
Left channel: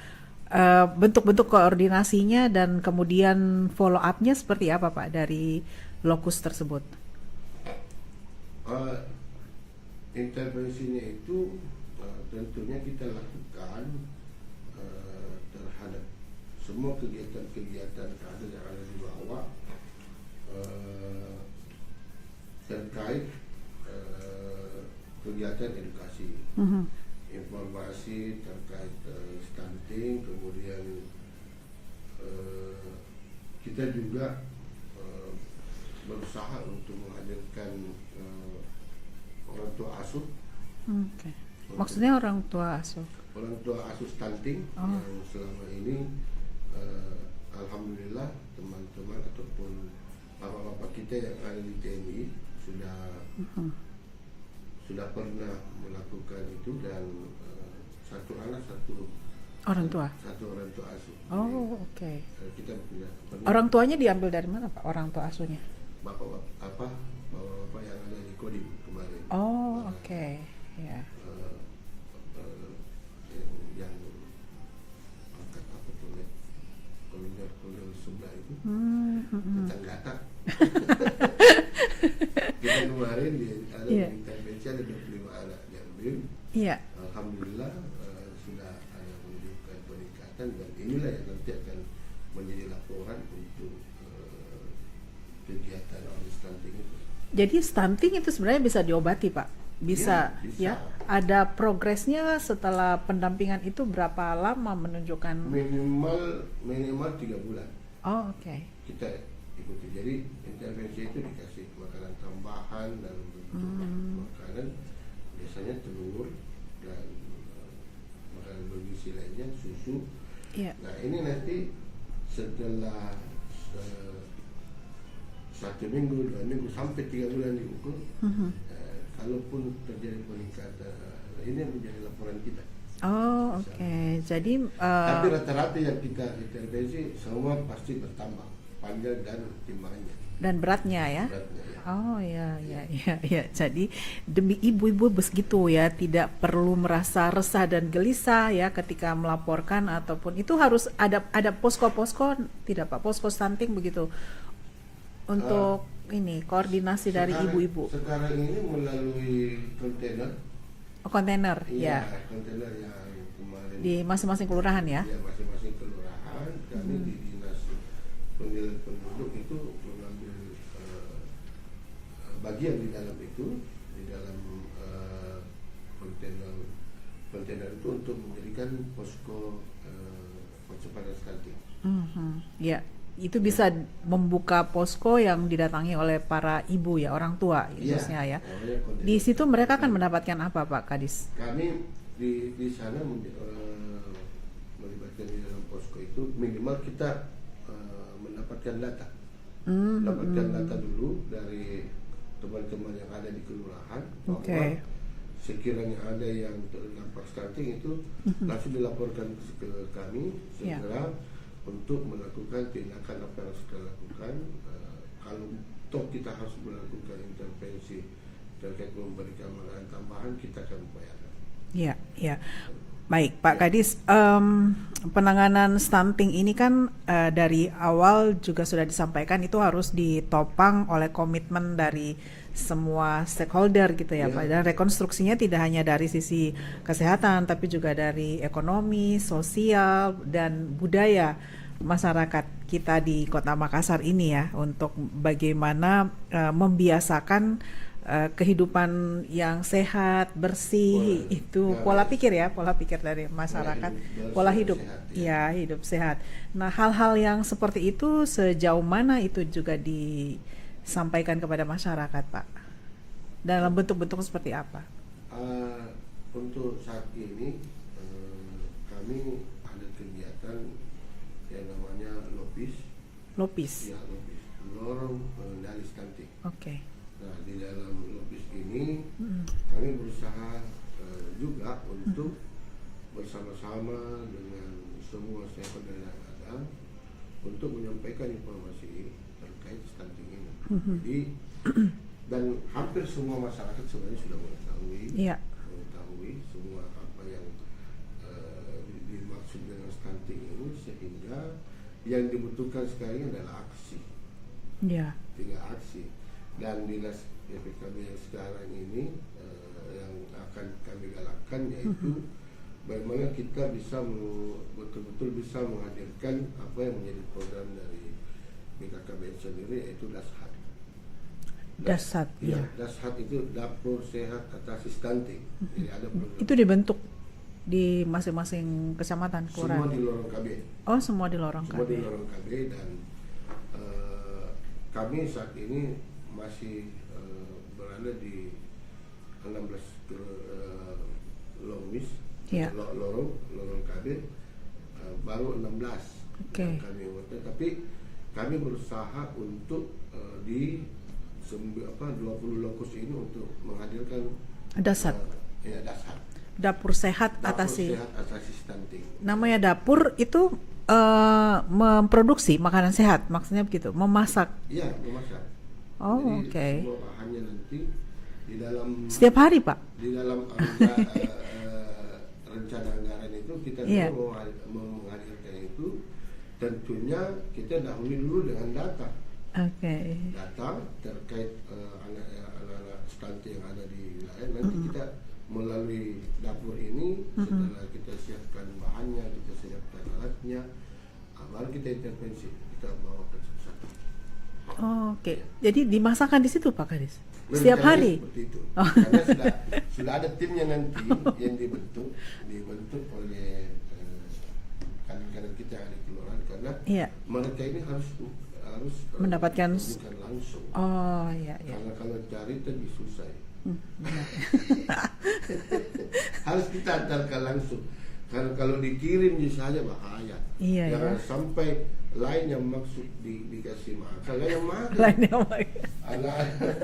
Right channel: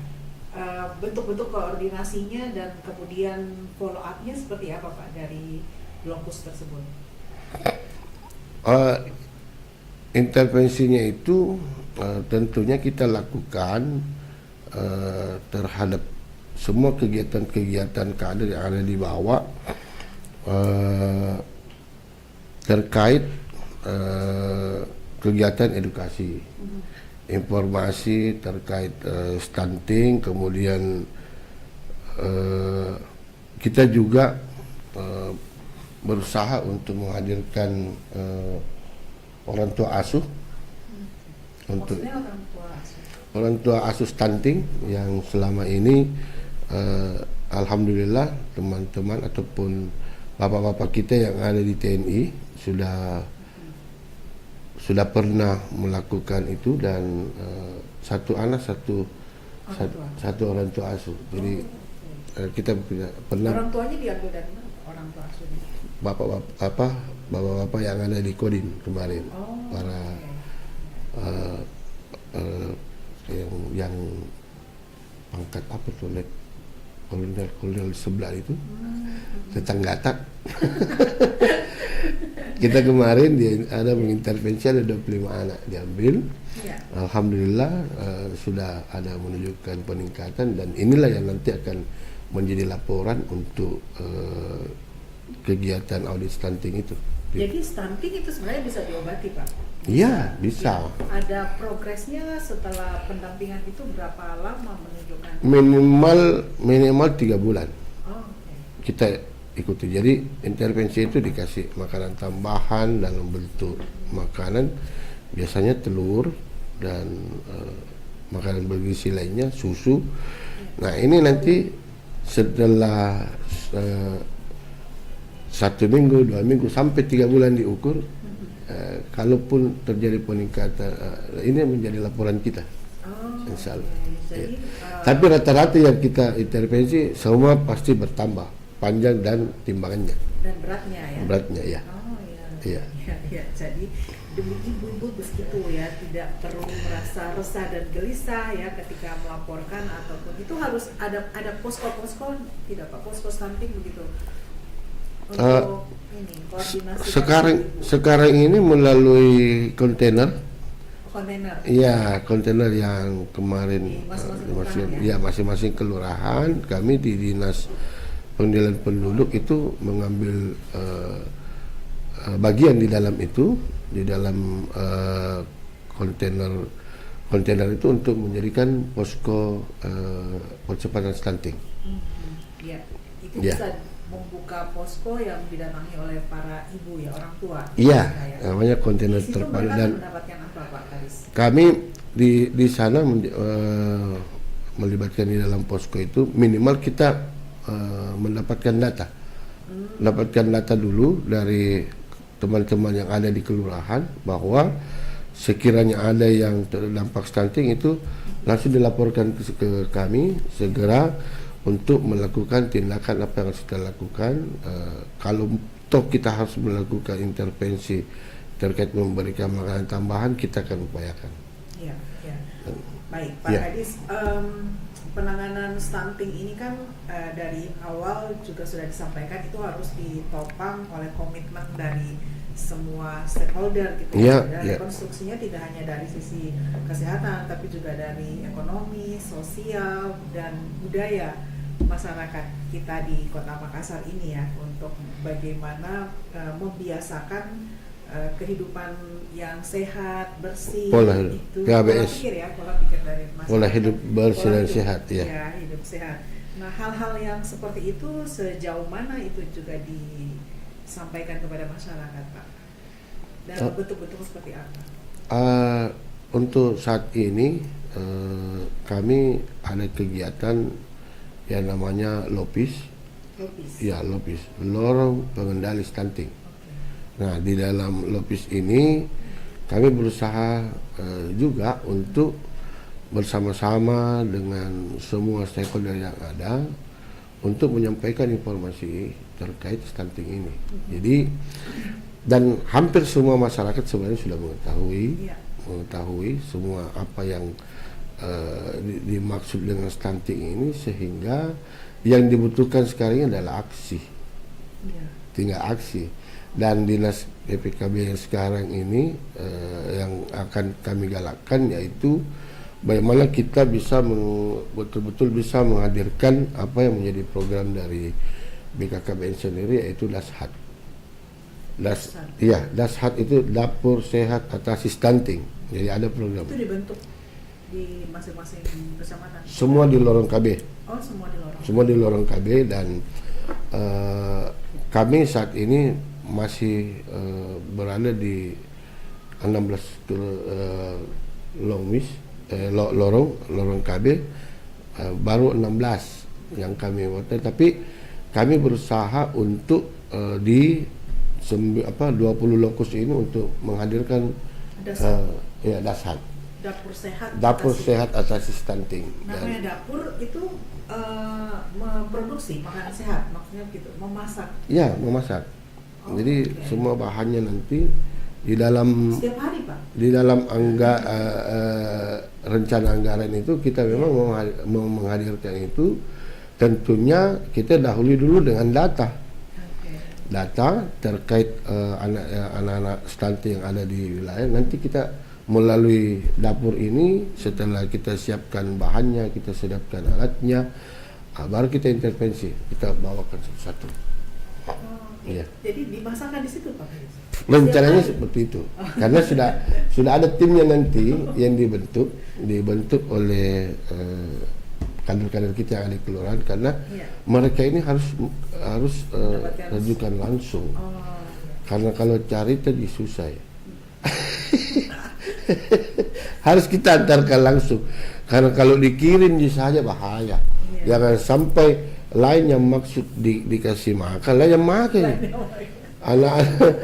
Bentuk-bentuk koordinasinya dan kemudian follow up-nya seperti apa Pak dari lokus tersebut? Eh, Intervensinya itu tentunya kita lakukan terhadap semua kegiatan-kegiatan kader yang ada di bawah eh, terkait kegiatan edukasi, informasi terkait stunting, kemudian kita juga berusaha untuk menghadirkan orang tua asuh, untuk Maksudnya orang tua asuh. orang tua asuh stunting yang selama ini alhamdulillah teman-teman ataupun bapak-bapak kita yang ada di TNI sudah pernah melakukan itu, dan satu anak satu orang tua asuh. Jadi Oke. kita pernah Orang tuanya diambil dari mana Pak? Orang tua asuhnya? bapak-bapak yang ada di Kodim kemarin, Oh, para oke. Ya. eh, yang pangkat apa tuh, kolonel sebelah itu, tetangga. Kita kemarin ada mengintervensi, ada 25 anak diambil. Iya. Alhamdulillah sudah ada menunjukkan peningkatan, dan inilah yang nanti akan menjadi laporan untuk kegiatan audit stunting itu. Jadi stunting itu sebenarnya bisa diobati Pak? Iya, bisa. Ya. Ada progresnya setelah pendampingan itu berapa lama menunjukkan? Minimal 3 bulan Oh, oke. kita ikuti. Jadi intervensi itu dikasih makanan tambahan dalam bentuk makanan, biasanya telur dan makanan bergizi lainnya, susu. Iya. Nah ini nanti setelah 1 minggu, 2 minggu, sampai 3 bulan diukur. Kalaupun terjadi peningkatan, ini menjadi laporan kita. Oh, Insya oke. Allah. Jadi Tapi rata-rata yang kita intervensi semua pasti bertambah panjang dan timbangannya, dan beratnya ya? beratnya ya. Oh iya, Iya. iya. Jadi demi ibu-ibu begitu ya, tidak perlu merasa resah dan gelisah ya ketika melaporkan, ataupun itu harus ada posko-posko, tidak Pak, posko stunting begitu untuk ini koordinasi dari ibu-ibu. Sekarang ini melalui kontainer. Kontainer. Iya, kontainer yang kemarin Di masing-masing kelurahan ya? Iya, masing-masing kelurahan. Kami di Dinas Pengendalian Penduduk itu mengambil bagian di dalam itu, di dalam kontainer itu untuk menjadikan posko percepatan stunting. Ya, itu Ya. bisa membuka posko yang didatangi oleh para ibu ya, orang tua. Iya, khususnya ya. namanya kontainer Di situ terpadu. mereka Dan akan mendapatkan apa Pak Kadis? kami di sana melibatkan di dalam posko itu, minimal kita mendapatkan data dulu dari teman-teman yang ada di kelurahan bahwa sekiranya ada yang terdampak stunting itu langsung dilaporkan ke kami segera untuk melakukan tindakan apa yang harus kita lakukan. Kalau toh kita harus melakukan intervensi terkait memberikan makanan tambahan, kita akan upayakan. Iya, iya. Baik, Pak Ya. Kadis, penanganan stunting ini kan dari awal juga sudah disampaikan itu harus ditopang oleh komitmen dari semua stakeholder gitu ya. Dan rekonstruksinya tidak hanya dari sisi kesehatan, tapi juga dari ekonomi, sosial, dan budaya masyarakat kita di Kota Makassar ini ya, untuk bagaimana membiasakan kehidupan yang sehat, bersih, itu pola pikir dari masyarakat, pola hidup bersih dan sehat ya, hidup sehat. Nah, hal-hal yang seperti itu sejauh mana itu juga disampaikan kepada masyarakat, Pak? Dalam bentuk-bentuk seperti apa? Untuk saat ini kami ada kegiatan yang namanya LOPIS. Ya, LOPIS, Lorong Pengendali Stunting. Oke. Nah, di dalam LOPIS ini kami berusaha juga untuk bersama-sama dengan semua stakeholder yang ada untuk menyampaikan informasi terkait stunting ini. Jadi dan hampir semua masyarakat sebenarnya sudah Iya. mengetahui semua apa yang dimaksud dengan stunting ini, sehingga yang dibutuhkan sekarang ini adalah aksi, Iya. tinggal aksi. Dan dinas PPKB yang sekarang ini yang akan kami galakkan yaitu bagaimana kita bisa betul-betul bisa menghadirkan apa yang menjadi program dari BKKBN sendiri, yaitu Dashat. Dashat. Iya, Dashat itu Dapur Sehat Atasi Stunting. Jadi ada program. Itu dibentuk di masing-masing kecamatan. Semua di lorong KB. Oh, semua di lorong. Semua di lorong KB, dan kami saat ini masih berada di 16 lorong KB, baru 16 yang kami buat, tapi kami berusaha untuk di 20 lokus ini untuk menghadirkan Dashat. Dashat. Dapur Sehat Dapur Atasi. Sehat Atasi Stunting. Namanya dapur itu memproduksi makanan sehat, maksudnya begitu, memasak. Ya, memasak. Oh, Jadi oke. semua bahannya nanti di dalam Setiap hari, Pak. rencana anggaran itu kita memang mau menghadirkan itu. Tentunya kita dahului dulu dengan data terkait anak-anak stunting yang ada di wilayah. Nanti kita melalui dapur ini, setelah kita siapkan bahannya, kita siapkan alatnya, baru kita intervensi, kita bawakan satu-satu. Oh, oke. Iya. Jadi dimasakkan di situ, Pak Kadis. Setiap Rencananya hari. seperti itu, karena sudah ada timnya nanti yang dibentuk oleh kader-kader kita yang ada di kelurahan, karena Iya. mereka ini harus Mendapatkan rujukan langsung. Oh, iya. Karena kalau cari tadi susah ya. Harus kita antarkan langsung. Karena kalau dikirim saja bahaya. Iya, Jangan sampai lain yang maksud dikasih makan, lain yang makan. Anak-anak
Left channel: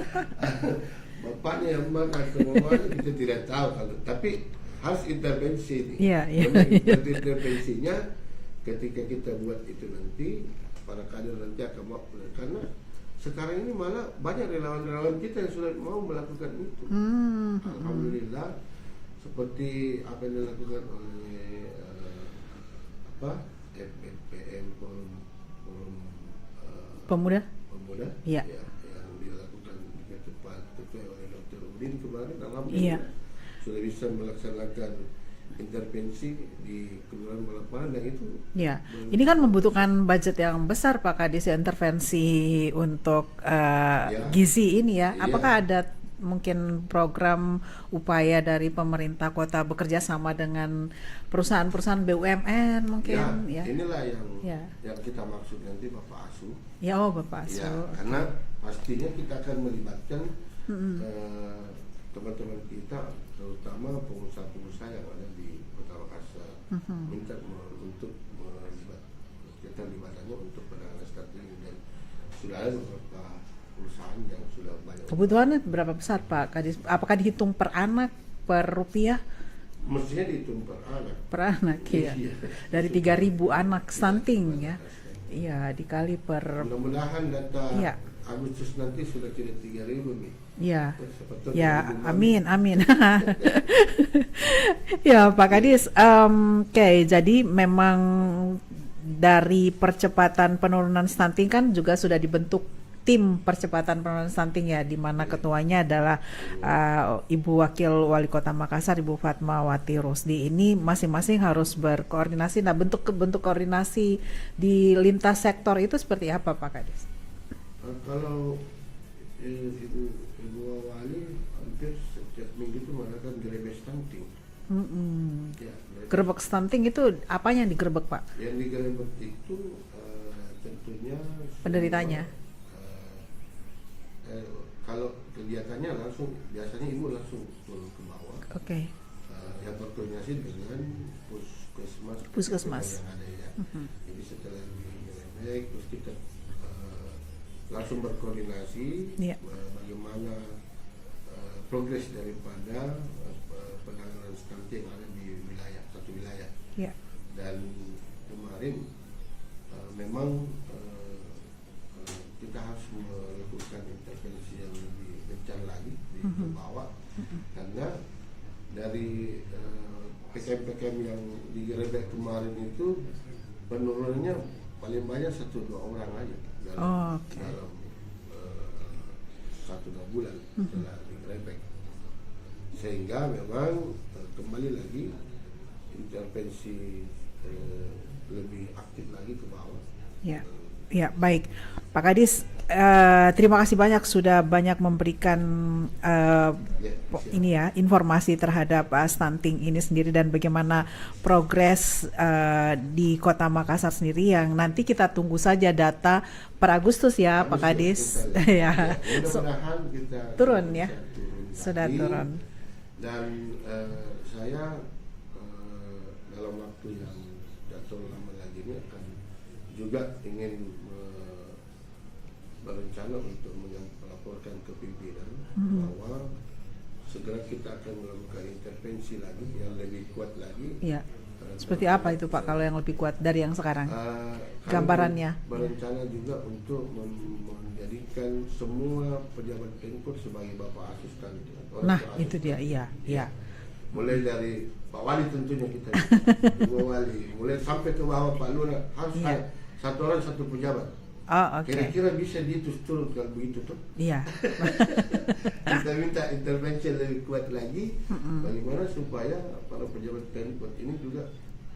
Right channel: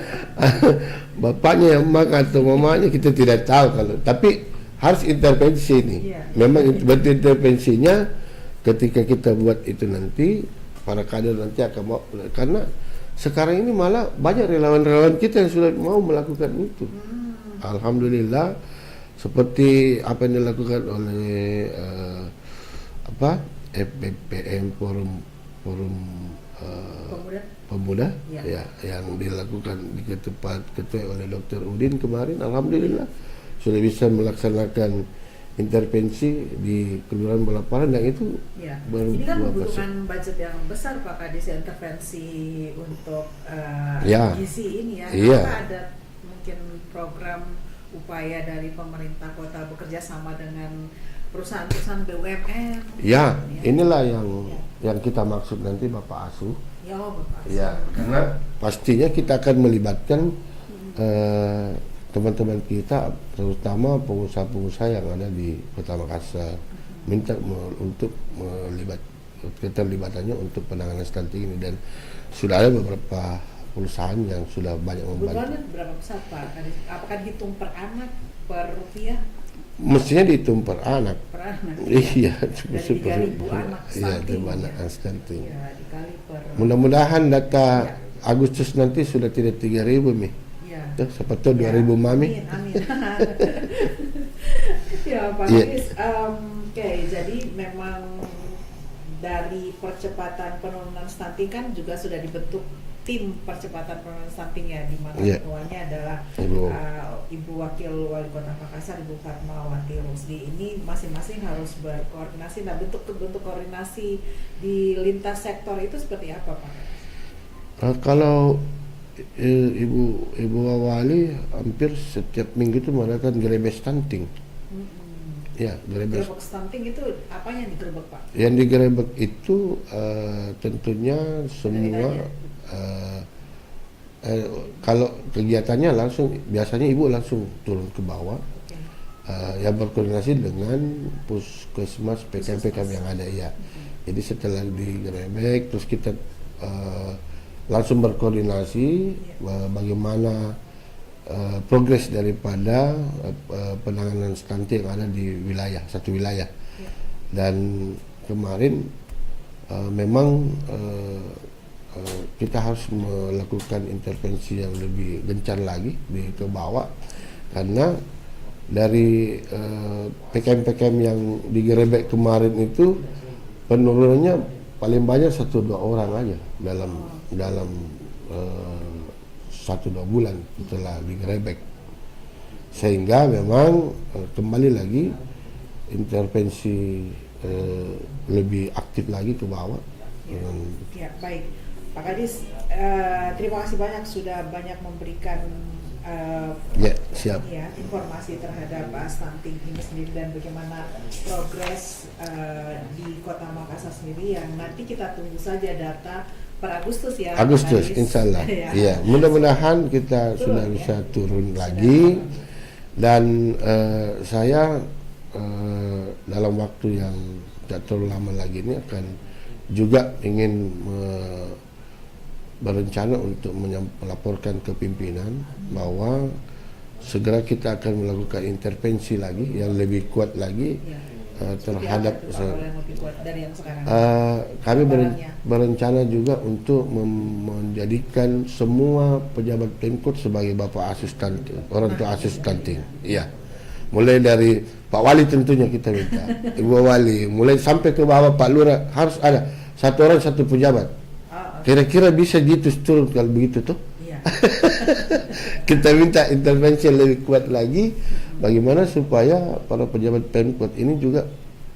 bapaknya yang makan atau mamanya kita tidak tahu, kalau tapi harus intervensi ini. Iya. Memang betul intervensinya ketika kita buat itu nanti para kader nanti akan mau, karena sekarang ini malah banyak relawan-relawan kita yang sudah mau melakukan itu. Alhamdulillah, seperti apa yang dilakukan oleh FPPM Forum Pemuda Ya. ya, yang dilakukan ketua oleh Dr. Udin kemarin. Alhamdulillah sudah bisa melaksanakan intervensi di Kelurahan Balaparan, dan itu Ya. Ini kan membutuhkan budget yang besar, Pak Kadis, intervensi untuk gizi ini ya. Iya. Apakah ada mungkin program upaya dari pemerintah kota bekerja sama dengan perusahaan-perusahaan BUMN mungkin? Ya, inilah yang kita maksud nanti Bapak Asuh. Ya, Bapak Asuh. Ya, karena pastinya kita akan melibatkan teman-teman kita, terutama pengusaha-pengusaha yang ada di Kota Makassar, minta untuk keterlibatannya untuk penanganan stunting ini, dan sudah ada beberapa perusahaan yang sudah banyak membantu. Kebutuhannya berapa besar, Pak Kadis? Apakah dihitung per anak, per rupiah? Mestinya dihitung per anak. Per anak. Iya. Dari 3.000 anak stunting ya. Stunting. Ya, dikali per. Mudah-mudahan data Agustus nanti sudah tidak 3.000 nih. Ya. Siapa tahu 2.000 mami. Amin. Ya, Pak Kadis. Oke, jadi memang dari percepatan penurunan stunting kan juga sudah dibentuk tim percepatan penurunan stunting ya, di mana ketuanya adalah Ibu Wakil Wali Kota Makassar, Ibu Fatmawati Rusdi. Ini masing-masing harus berkoordinasi. Nah, bentuk koordinasi di lintas sektor itu seperti apa, Pak Kadis? Kalau Ibu Wali hampir setiap minggu itu mengadakan gerebek stunting. Ya, gerebek stunting itu apanya yang digerebek, Pak? Yang digerebek itu tentunya semua. Kalau kegiatannya langsung, biasanya ibu langsung turun ke bawah, yang berkoordinasi dengan puskesmas PTP kami yang ada ya. Jadi setelah digerebek, terus kita langsung berkoordinasi bagaimana progres daripada penanganan stunting yang ada di satu wilayah. Dan kemarin memang kita harus melakukan intervensi yang lebih gencar lagi ke bawah, karena dari PKM-PKM yang digerebek kemarin itu penurunannya paling banyak 1-2 orang aja dalam 1-2 bulan setelah digerebek, sehingga memang kembali lagi intervensi lebih aktif lagi ke bawah. Ya, baik Pak Kadis, terima kasih banyak sudah banyak memberikan ini ya, informasi terhadap stunting ini sendiri dan bagaimana progres di Kota Makassar sendiri, yang nanti kita tunggu saja data per Agustus ya, Agustus, Pak Kadis. Insya Allah. Ya, mudah-mudahan kita sudah bisa turun lagi. Dan saya dalam waktu yang tidak terlalu lama lagi ini akan juga ingin berencana untuk melaporkan ke pimpinan bahwa segera kita akan melakukan intervensi lagi yang lebih kuat lagi. Seperti apa itu Pak kalau yang lebih kuat dari yang sekarang? Kami berencana juga untuk menjadikan semua pejabat Pemkot sebagai bapak asuh stunting, orang tua asuh stunting. Iya. Mulai dari Pak Wali tentunya kita minta, Ibu Wali, mulai sampai ke bawah Pak Lurah harus ada satu orang satu pejabat. Kira-kira bisa gitu turun kalau begitu tuh? Iya. Kita minta intervensi yang lebih kuat lagi, bagaimana supaya para pejabat Pemkot ini juga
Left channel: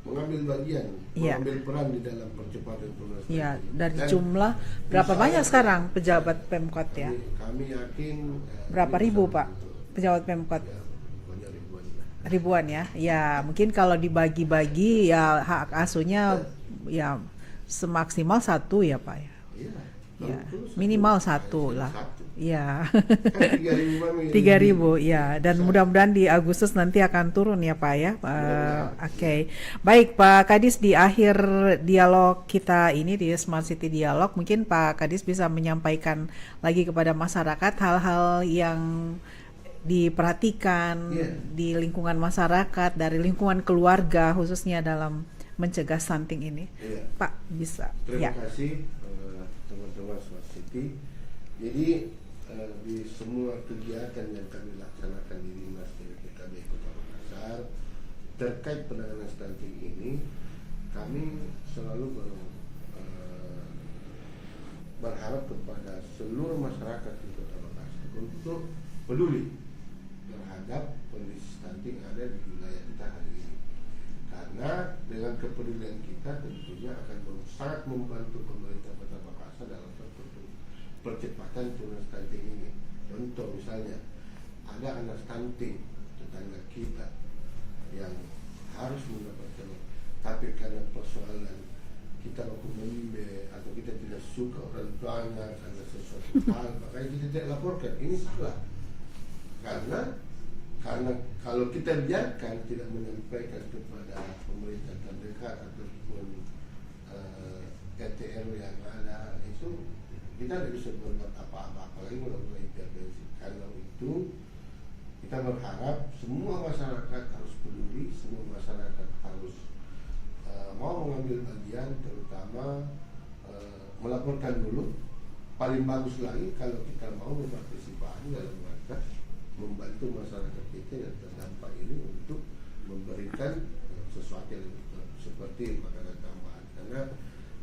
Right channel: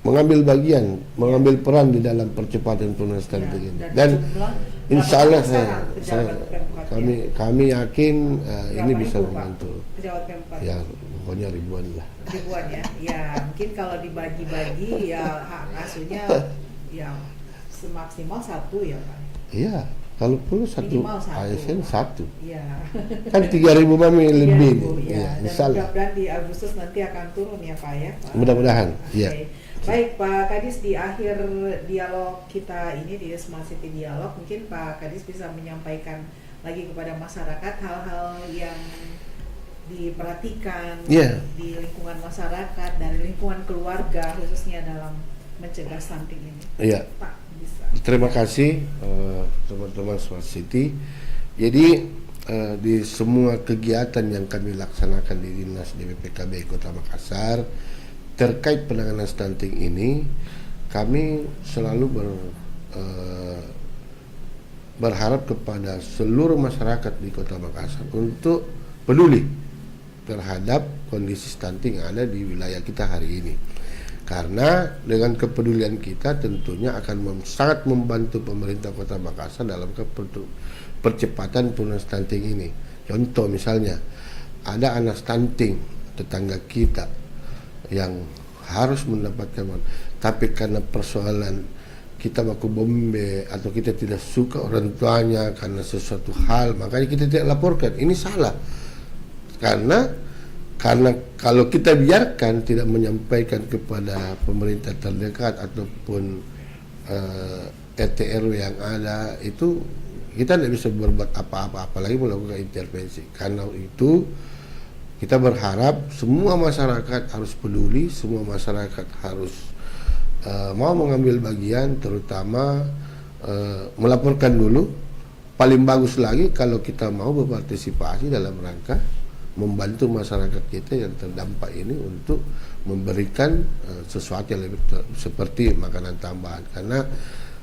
mengambil bagian, mengambil peran di dalam percepatan penurunan stunting ini. Dan jumlah berapa banyak sekarang pejabat Pemkot? Kami yakin ini bisa membantu. Pejabat Pemkot? Ya, pokoknya ribuan lah. Ribuan ya? Ya, mungkin kalau dibagi-bagi ya hak asuhnya ya semaksimal 1 ya Pak? Iya, kalau perlu minimal 1 lah. 1. Iya. Kan 3.000 mami. 3.000 ya. Dan mudah-mudahan di Agustus nanti akan turun ya Pak ya. Mudah-mudahan. Oke. Baik Pak Kadis, di akhir dialog kita ini di Smart City Dialog, mungkin Pak Kadis bisa menyampaikan lagi kepada masyarakat hal-hal yang diperhatikan di lingkungan masyarakat, dari lingkungan keluarga khususnya dalam mencegah stunting ini. Iya. Pak, bisa. Terima kasih teman-teman Smart City. Jadi di semua kegiatan yang kami laksanakan di Dinas DPPKB Kota Makassar terkait penanganan stunting ini, kami selalu berharap kepada seluruh masyarakat di Kota Makassar untuk peduli terhadap kondisi stunting yang ada di wilayah kita hari ini. Karena dengan kepedulian kita tentunya akan sangat membantu pemerintah Kota Makassar dalam percepatan penurunan stunting ini. Contoh misalnya, ada anak stunting tetangga kita yang harus mendapatkan, tapi karena persoalan kita baku bombe atau kita tidak suka orang tuanya karena sesuatu hal, makanya kita tidak laporkan. Ini salah. Karena kalau kita biarkan tidak menyampaikan kepada pemerintah terdekat ataupun RT RW yang ada, itu kita tidak bisa berbuat apa-apa, apalagi melakukan intervensi. Karena itu kita berharap semua masyarakat harus peduli, semua masyarakat harus mau mengambil bagian, terutama melaporkan dulu. Paling bagus lagi kalau kita mau berpartisipasi dalam rangka membantu masyarakat kita yang terdampak ini untuk memberikan sesuatu yang lebih seperti makanan tambahan. Karena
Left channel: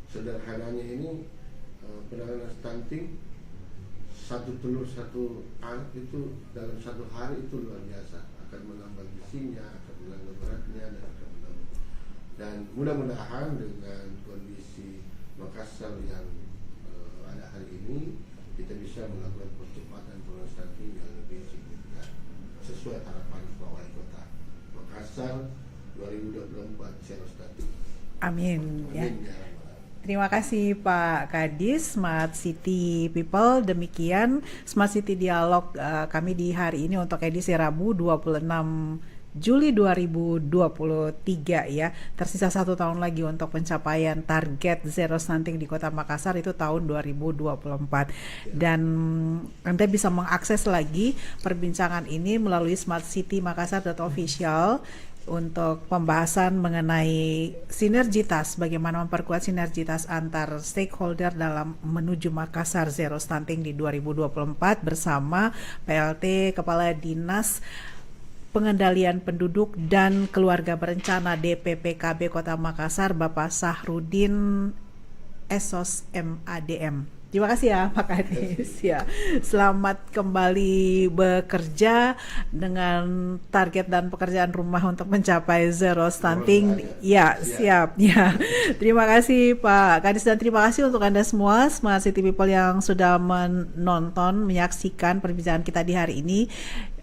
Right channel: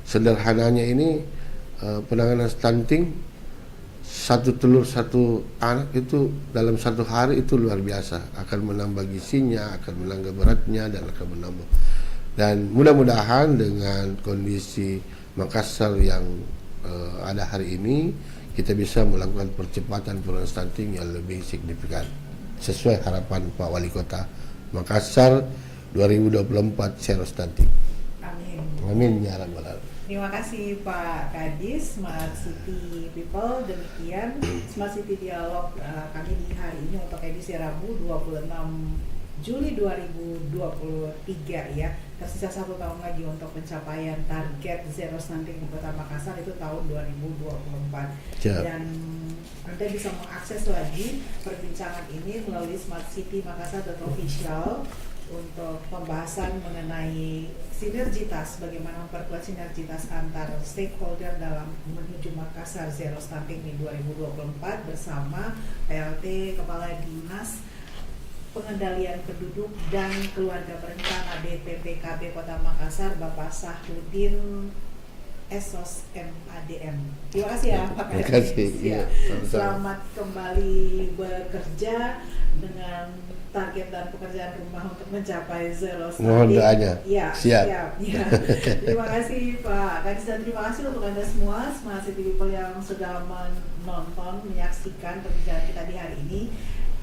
sederhananya ini penanganan stunting, 1 telur 1 anak itu dalam 1 hari itu luar biasa, akan menambah gizinya, akan menambah beratnya, dan akan menambah. Dan mudah-mudahan dengan kondisi Makassar yang ada hari ini, kita bisa melakukan percepatan penurunan stunting yang lebih signifikan sesuai harapan Pak Wali Kota Makassar 2024 zero stunting. Amin. Amin ya rabbal alamin. Terima kasih Pak Kadis, Smart City People. Demikian Smart City Dialog kami di hari ini untuk edisi Rabu 26 Juli 2023 ya. Tersisa 1 tahun lagi untuk pencapaian target zero stunting di Kota Makassar, itu tahun 2024. Dan Anda bisa mengakses lagi perbincangan ini melalui smartcitymakassar.official untuk pembahasan mengenai sinergitas, bagaimana memperkuat sinergitas antar stakeholder dalam menuju Makassar Zero Stunting di 2024 bersama PLT Kepala Dinas Pengendalian Penduduk dan Keluarga Berencana DPPKB Kota Makassar, Bapak Sahrudin Esos MADM. Terima kasih ya Pak Terima Kadis. kasih. Ya. Selamat kembali bekerja dengan target dan pekerjaan rumah untuk mencapai zero stunting. Mohon doanya. Ya, Siap. siap. Ya. Terima kasih Pak Kadis dan terima kasih untuk Anda semua Smart City People yang sudah menonton, menyaksikan perbincangan kita di hari ini.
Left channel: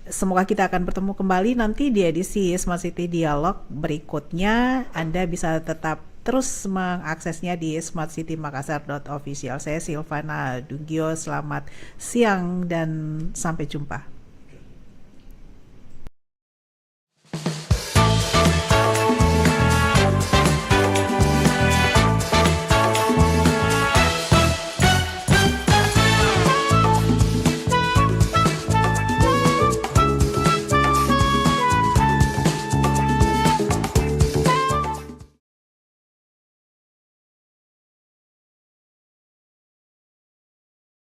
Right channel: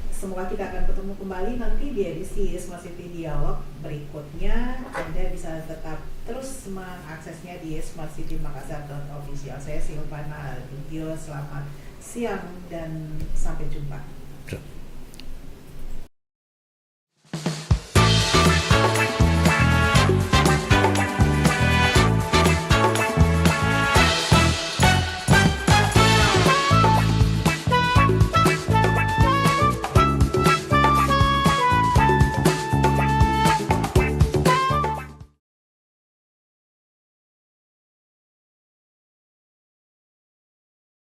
Semoga kita akan bertemu kembali nanti di edisi Smart City Dialog berikutnya. Anda bisa tetap terus mengaksesnya di smartcitymakassar.official. Saya Silvana Dugio, selamat siang dan sampai jumpa.